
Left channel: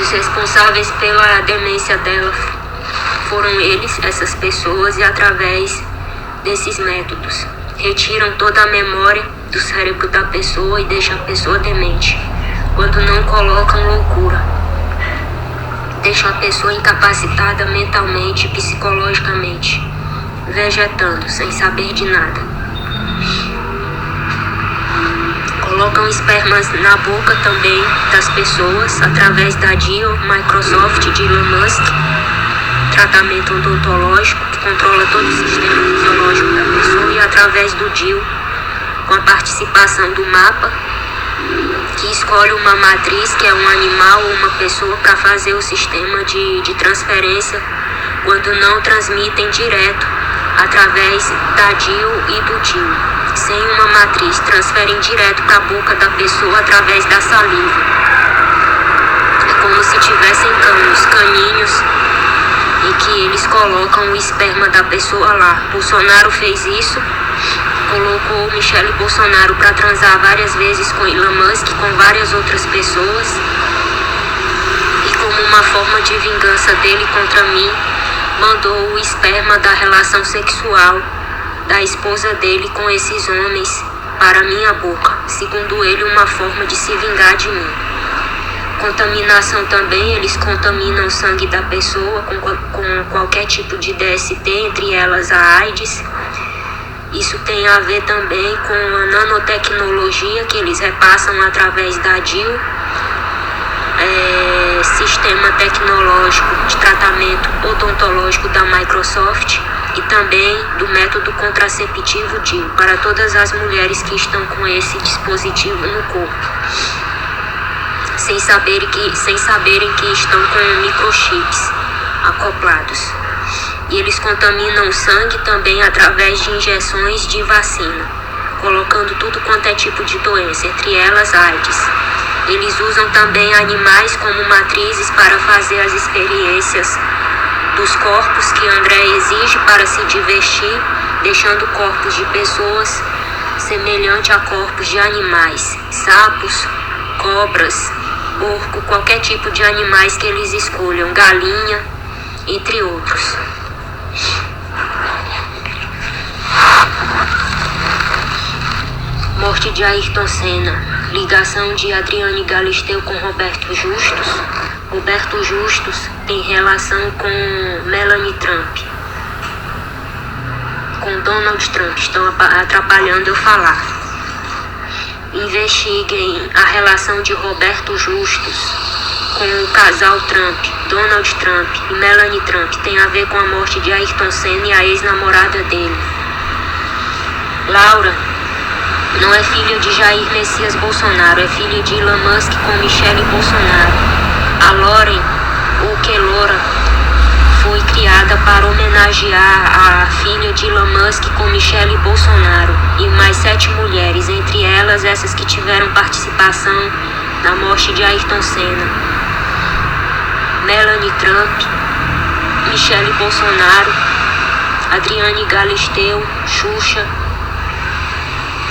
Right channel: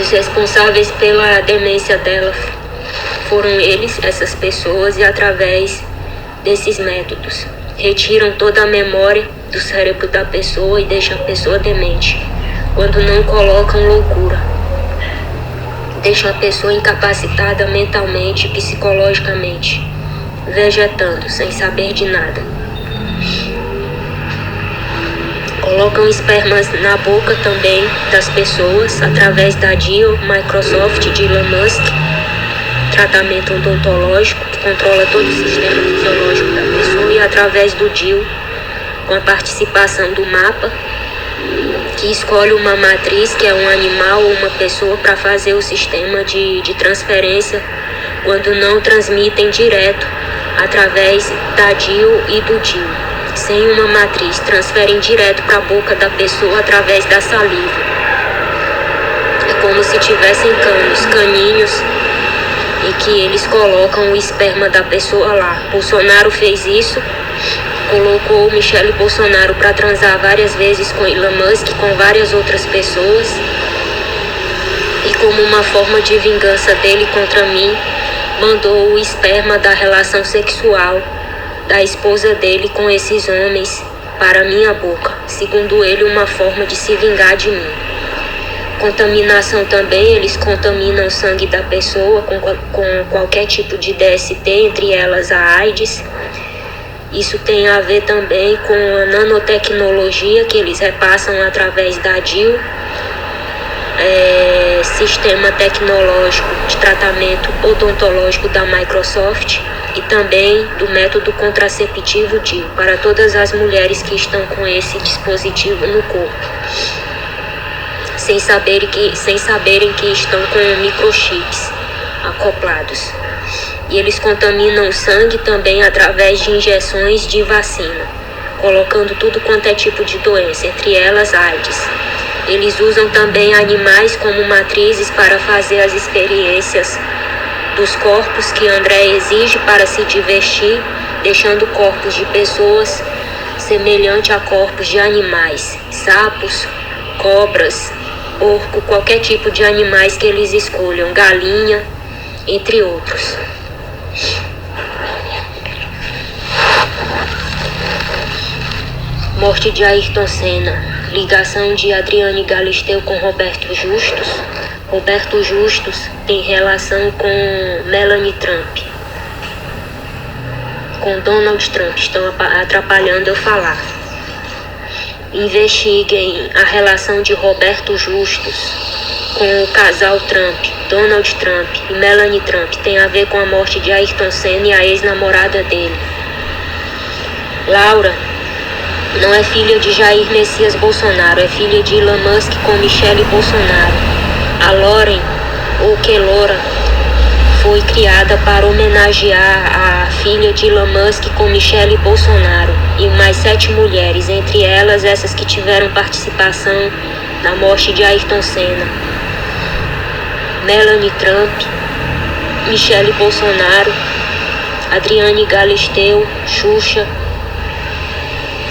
Os responsáveis pela demência dela foram eles, essas pessoas, e através desses métodos retiram toda a memória do cérebro da pessoa e deixam a pessoa demente, quando não colocam loucura. Deixam a pessoa incapacitada mentalmente e psicologicamente, vegetando, sem saber de nada. Colocam espermas na boca também das pessoas, através da DIO Microsoft de Elon Musk, tratamento odontológico que controla todo o sistema fisiológico da pessoa, e através do DIO, com a participação do MAPA, que que escolhe uma matriz, que é um animal ou uma pessoa, para fazer o sistema de transferência, quando não transmitem direto através da DIU e do DIU. Sem uma matriz, transferem direto para a boca da pessoa através da saliva. É como se tivessem caninhos, e que eles colocam o esperma da pessoa lá. Bolsonaro fez isso, colocou Michele Bolsonaro para transar várias vezes com Elon Musk, com várias outras pessoas, e como uma forma de vingança dele contra mim, mandou o esperma da relação sexual da esposa dele com esses homens para minha boca, segundo ele, uma forma de se vingar de mim. Contaminação também, eles contaminam o sangue da pessoa com qualquer tipo de DST, entre elas a AIDS. Isso tem a ver também com a nanotecnologia que eles repassam através da DIU, sistema tecnológico de tratamento odontológico da Microsoft, e também do método contraceptivo DIU para todas as mulheres que estão com esse dispositivo no corpo, sem saberem que estão com microchips acoplados. E eles contaminam o sangue também através de injeções de vacina, colocando tudo quanto é tipo de doença, entre elas AIDS. Eles usam também animais como matrizes para fazer as experiências dos corpos que André exige para se divertir, deixando corpos de pessoas semelhante a corpos de animais, sapos, cobras, porco, qualquer tipo de animais que eles escolham, galinha, entre outros. Morte de Ayrton Senna, ligação de Adriane Galisteu com Roberto Justus. Roberto Justus tem relação com Melanie Trump, com Donald Trump, estão atrapalhando eu falar. Investiguem a relação de Roberto Justus com o casal Trump, Donald Trump e Melanie Trump. Tem a ver com a morte de Ayrton Senna e a ex-namorada dele. Laura não é filha de Jair Messias Bolsonaro, é filha de Elon Musk com Michele Bolsonaro. A Lauren, ou Kelora, foi criada para homenagear a filha de Elon Musk com Michele Bolsonaro e mais 7 mulheres, entre elas essas que tiveram participação na morte de Ayrton Senna: Melanie Trump, Michele Bolsonaro, Adriane Galisteu, Xuxa,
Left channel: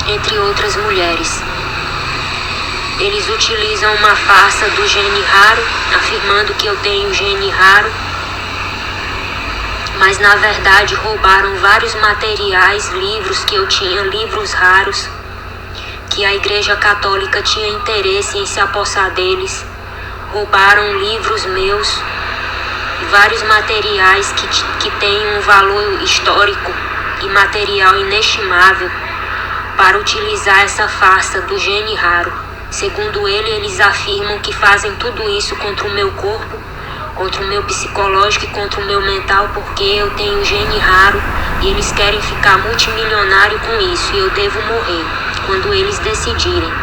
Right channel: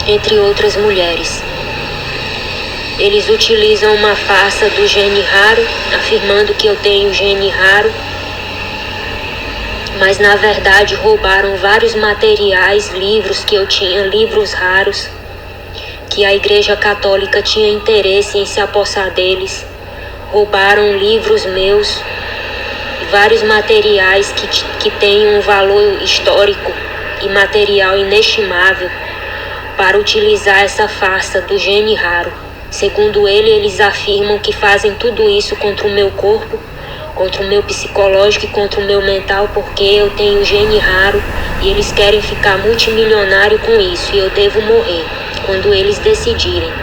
entre outras mulheres. Eles utilizam uma farsa do gene raro, afirmando que eu tenho gene raro, mas na verdade roubaram vários materiais, livros que eu tinha, livros raros, que a Igreja Católica tinha interesse em se apossar deles. Roubaram livros meus, vários materiais que têm um valor histórico e material inestimável, para utilizar essa farsa do gene raro. Segundo eles afirmam que fazem tudo isso contra o meu corpo, contra o meu psicológico e contra o meu mental, porque eu tenho gene raro e eles querem ficar multimilionário com isso e eu devo morrer quando eles decidirem.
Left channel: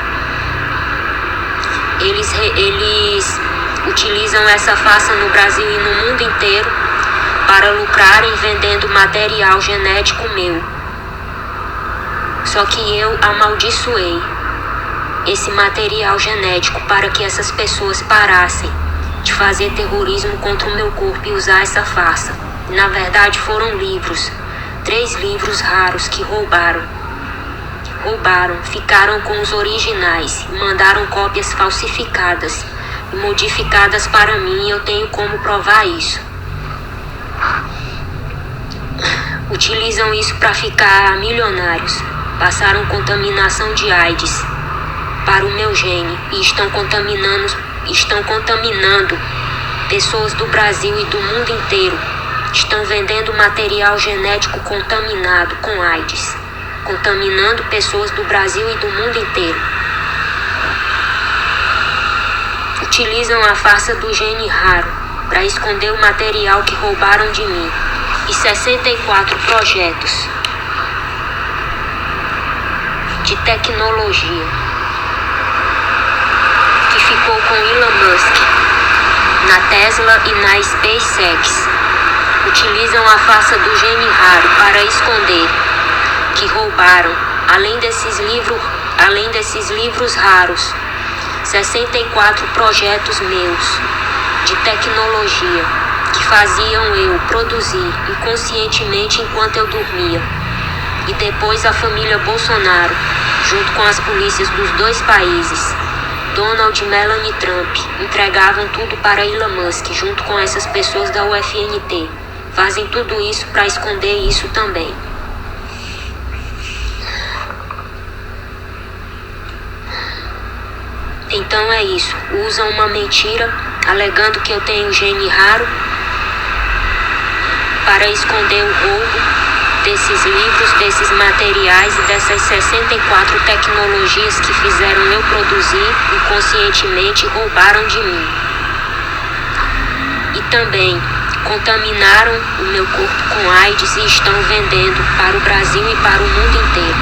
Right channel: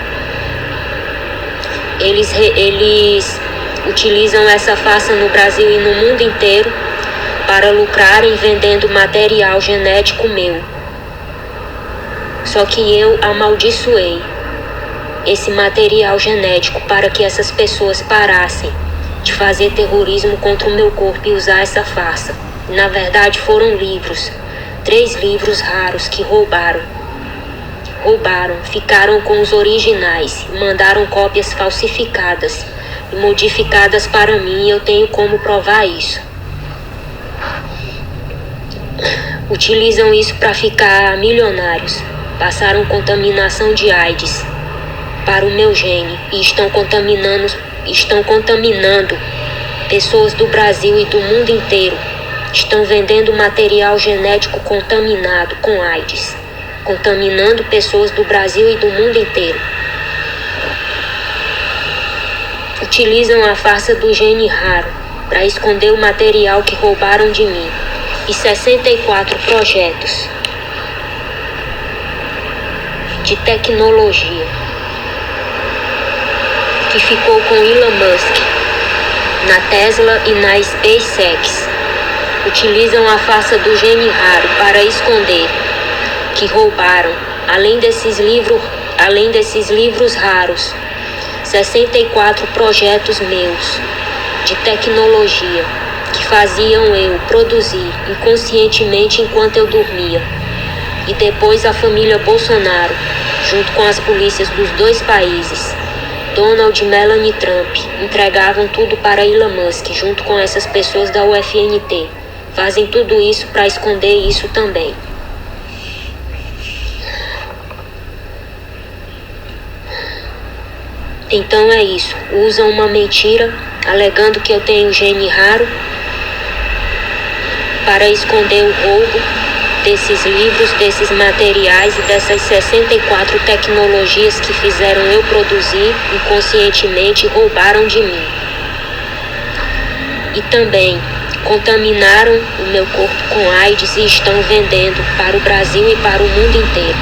Eles utilizam essa farsa no Brasil e no mundo inteiro para lucrarem vendendo material genético meu. Só que eu amaldiçoei esse material genético para que essas pessoas parassem de fazer terrorismo contra o meu corpo e usar essa farsa. Na verdade foram livros, 3 livros raros que roubaram, ficaram com os originais e mandaram cópias falsificadas e modificadas para mim, e eu tenho como provar isso. Utilizam isso para ficar milionários. Passaram contaminação de AIDS para o meu gene e estão contaminando pessoas do Brasil e do mundo inteiro. Estão vendendo material genético contaminado com AIDS, contaminando pessoas do Brasil e do mundo inteiro. Utilizam a farsa do gene raro para esconder o material que roubaram de mim e 64 projetos de tecnologia que ficou com Elon Musk na Tesla e na SpaceX. Utilizam a farsa do gene raro para esconder que roubaram, além desses livros raros, 64 projetos meus de tecnologia que faziam eu produzir inconscientemente enquanto eu dormia. E depois a família Bolsonaro, junto com as polícias dos dois países, Donald e Melania Trump, entregavam tudo para Elon Musk junto com essas pessoas da UFNT. Fazem tudo isso para esconder isso também. Então é isso. Usam uma mentira, alegando que eu tenho gene raro, para esconder o roubo desses livros, desses materiais e dessas 64 tecnologias que fizeram eu produzir inconscientemente e roubaram de mim. E também contaminaram o meu corpo com AIDS e estão vendendo para o Brasil e para o mundo inteiro.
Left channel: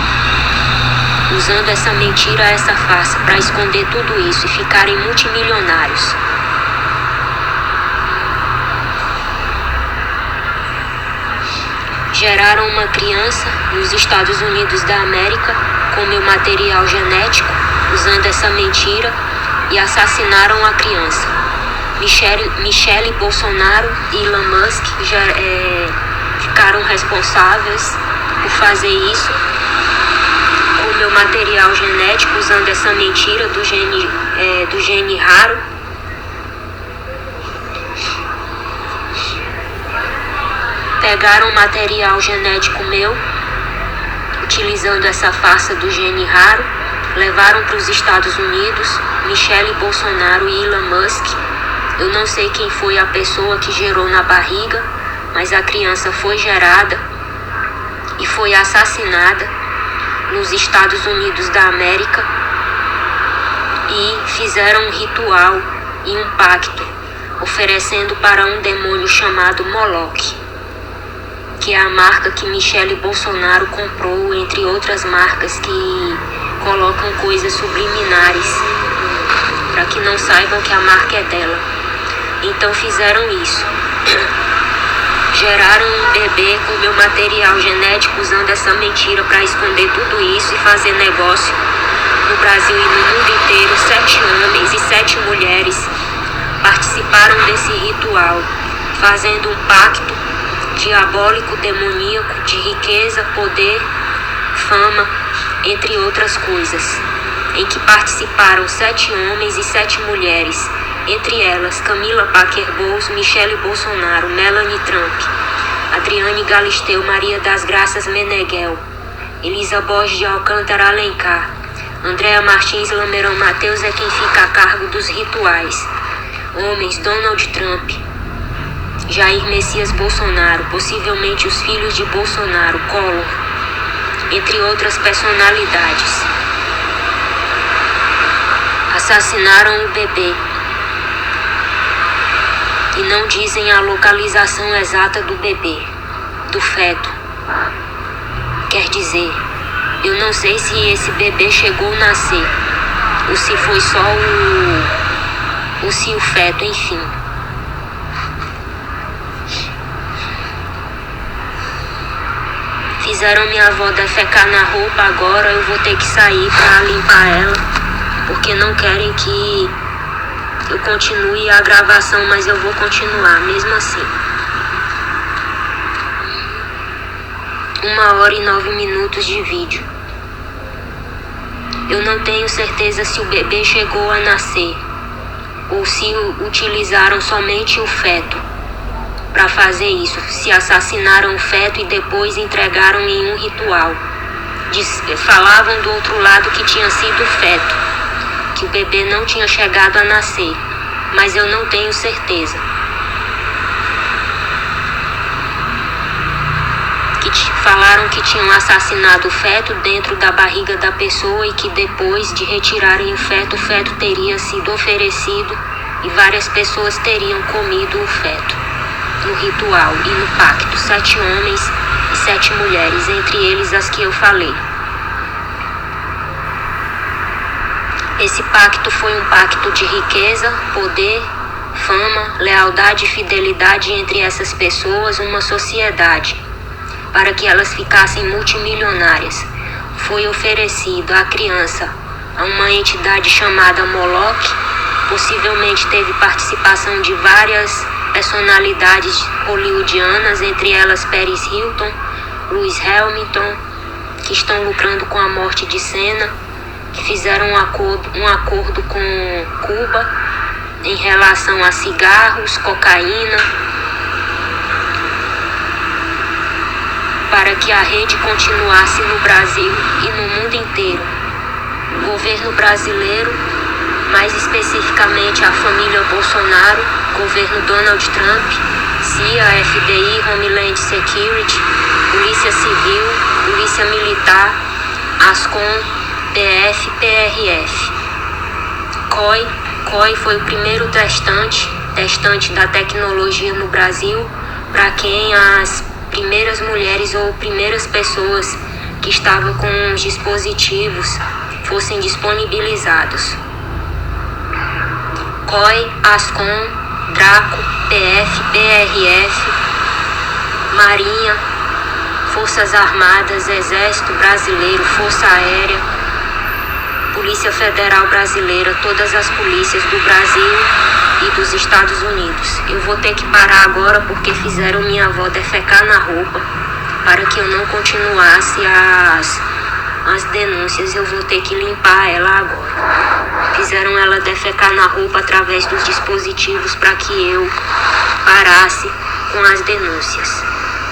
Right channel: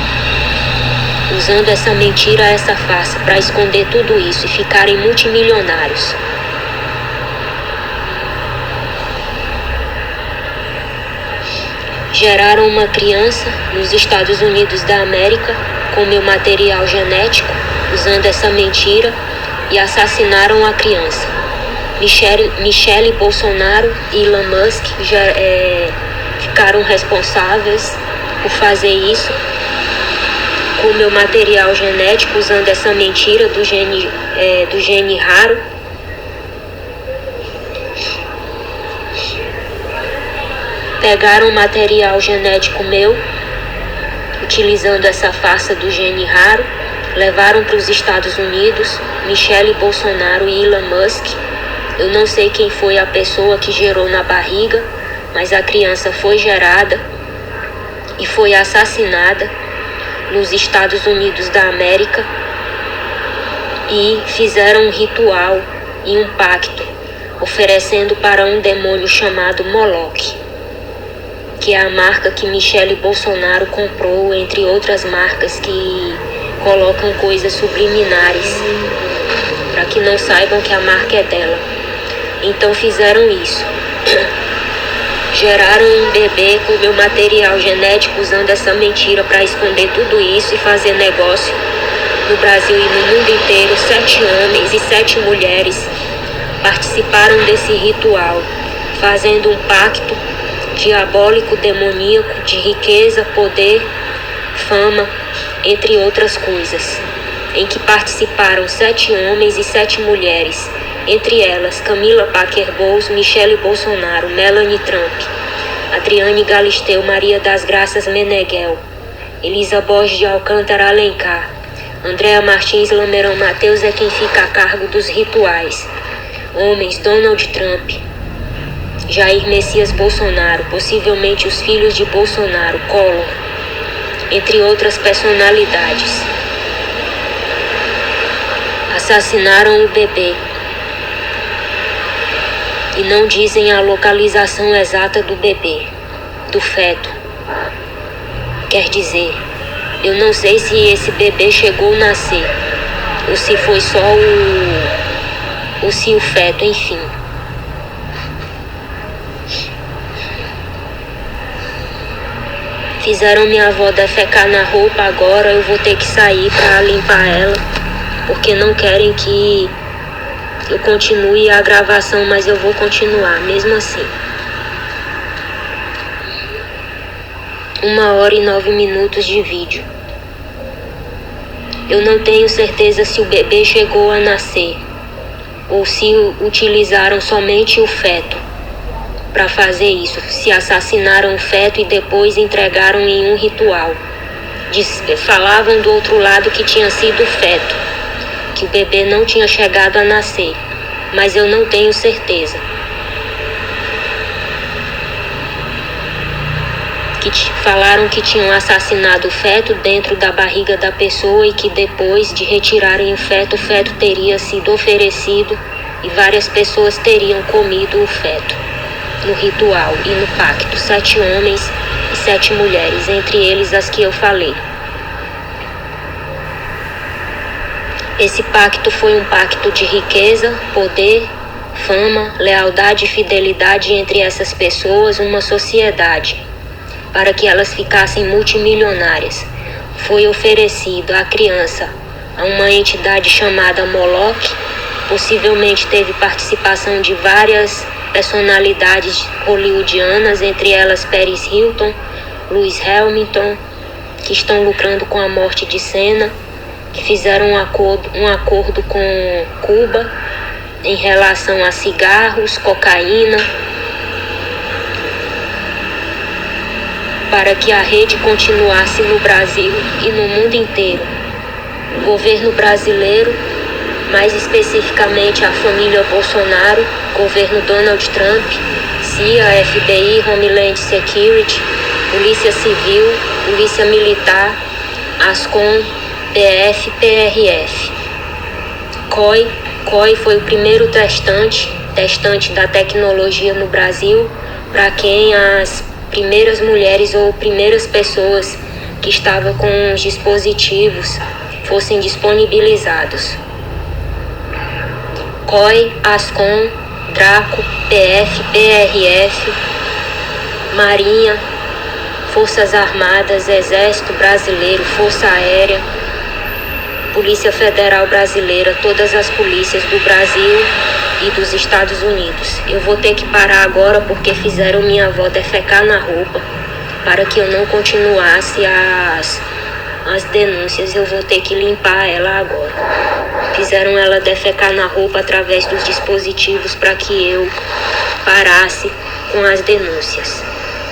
Usando essa mentira, essa farsa, para esconder tudo isso e ficarem multimilionários. Geraram uma criança nos Estados Unidos da América com meu material genético, usando essa mentira, e assassinaram a criança. Michele Bolsonaro e Elon Musk já ficaram responsáveis por fazer isso com meu material genético, usando essa mentira do gene raro. Pegaram material genético meu, utilizando essa farsa do gene raro, levaram para os Estados Unidos, Michele Bolsonaro e Elon Musk. Eu não sei quem foi a pessoa que gerou na barriga, mas a criança foi gerada e foi assassinada nos Estados Unidos da América, e fizeram um ritual e um pacto, oferecendo para um demônio chamado Moloch, que é a marca que Michele Bolsonaro comprou, entre outras marcas que colocam coisas subliminares, para que não saibam que a marca é dela. Então fizeram isso. Geraram um bebê com meu material genético, usando essa mentira para esconder tudo isso e fazer negócio no Brasil e no mundo inteiro. 7 homens e 7 mulheres participaram desse ritual, fazendo um pacto diabólico, demoníaco, de riqueza, poder, fama, entre outras coisas, em que participaram 7 homens e 7 mulheres, entre elas Camila Parker Bowles, Michele Bolsonaro, Melania Trump, Adriane Galisteu, Maria das Graças Meneghel, Elisa Borges de Alcântara Alencar, Andréa Martins Lamerão Mateus é quem fica a cargo dos rituais. Homens: Donald Trump, Jair Messias Bolsonaro, possivelmente os filhos de Bolsonaro, Collor, entre outras personalidades. Assassinaram o bebê e não dizem a localização exata do bebê, do feto. Quer dizer, eu não sei se esse bebê chegou a nascer, ou se foi só o feto, enfim. Fizeram minha avó defecar na roupa, agora eu vou ter que sair para limpar ela, porque não querem que eu continue a gravação, mas eu vou continuar mesmo assim. 1h09 de vídeo. Eu não tenho certeza se o bebê chegou a nascer ou se utilizaram somente o feto para fazer isso, se assassinaram o feto e depois entregaram em um ritual. Falavam do outro lado que tinha sido o feto, que o bebê não tinha chegado a nascer, mas eu não tenho certeza. Falaram que tinham assassinado o feto dentro da barriga da pessoa e que depois de retirarem o feto teria sido oferecido e várias pessoas teriam comido o feto no ritual e no pacto. 7 homens e 7 mulheres, entre eles as que eu falei. Esse pacto foi um pacto de riqueza, poder, fama, lealdade e fidelidade entre essas pessoas, uma sociedade, para que elas ficassem multimilionárias. Foi oferecido à criança a uma entidade chamada Moloch, possivelmente teve participação de várias personalidades hollywoodianas, entre elas Paris Hilton, Lewis Hamilton, que estão lucrando com a morte de Senna, que fizeram um acordo com Cuba em relação a cigarros, cocaína, para que a rede continuasse no Brasil e no mundo inteiro. O governo brasileiro, mais especificamente a família Bolsonaro, governo Donald Trump, CIA, FBI, Homeland Security, Polícia Civil, Polícia Militar, Ascom, PF, PRF. COI foi o primeiro testante da tecnologia no Brasil, para quem as primeiras mulheres ou primeiras pessoas que estavam com os dispositivos fossem disponibilizados. COI, Ascom, Draco, PF, PRF, Marinha, Forças Armadas, Exército Brasileiro, Força Aérea, Polícia Federal Brasileira, todas as polícias do Brasil e dos Estados Unidos. Eu vou ter que parar agora porque fizeram minha avó defecar na roupa para que eu não continuasse as denúncias. Eu vou ter que limpar ela agora. Fizeram ela defecar na roupa através dos dispositivos para que eu parasse com as denúncias.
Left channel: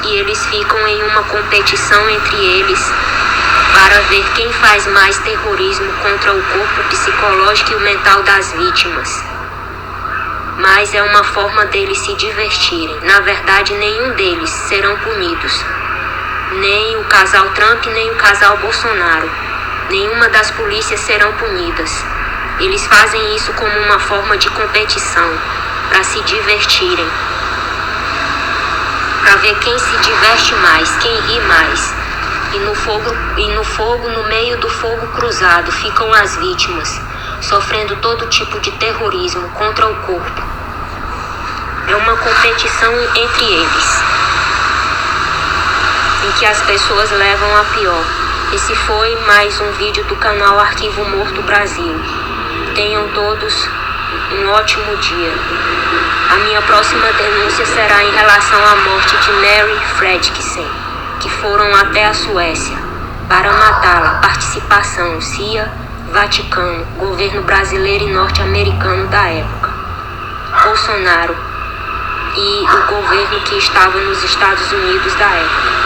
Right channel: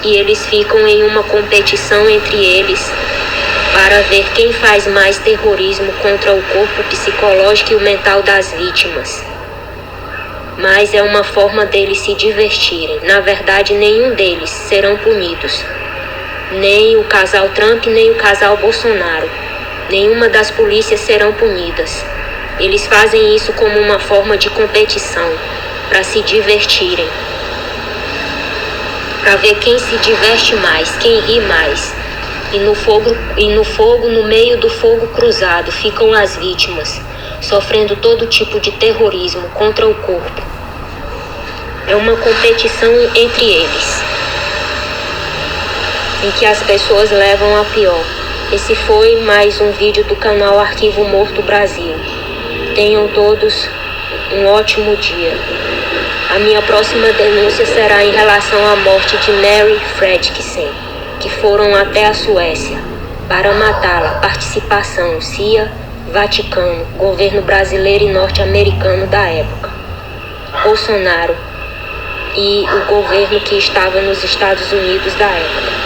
E eles ficam em uma competição entre eles para ver quem faz mais terrorismo contra o corpo psicológico e o mental das vítimas. Mas é uma forma deles se divertirem. Na verdade, nenhum deles serão punidos. Nem o casal Trump, nem o casal Bolsonaro. Nenhuma das polícias serão punidas. Eles fazem isso como uma forma de competição, para se divertirem. Para ver quem se diverte mais, quem ri mais. E no fogo, no meio do fogo cruzado, ficam as vítimas, sofrendo todo tipo de terrorismo contra o corpo. É uma competição entre eles, em que as pessoas levam a pior. Esse foi mais um vídeo do canal Arquivo Morto Brasil. Tenham todos um ótimo dia. A minha próxima denúncia será em relação à morte de Mary Fredriksen, que foram até a Suécia para matá-la. Participação CIA, Vaticano, governo brasileiro e norte-americano da época, Bolsonaro e o governo que estava nos Estados Unidos da época.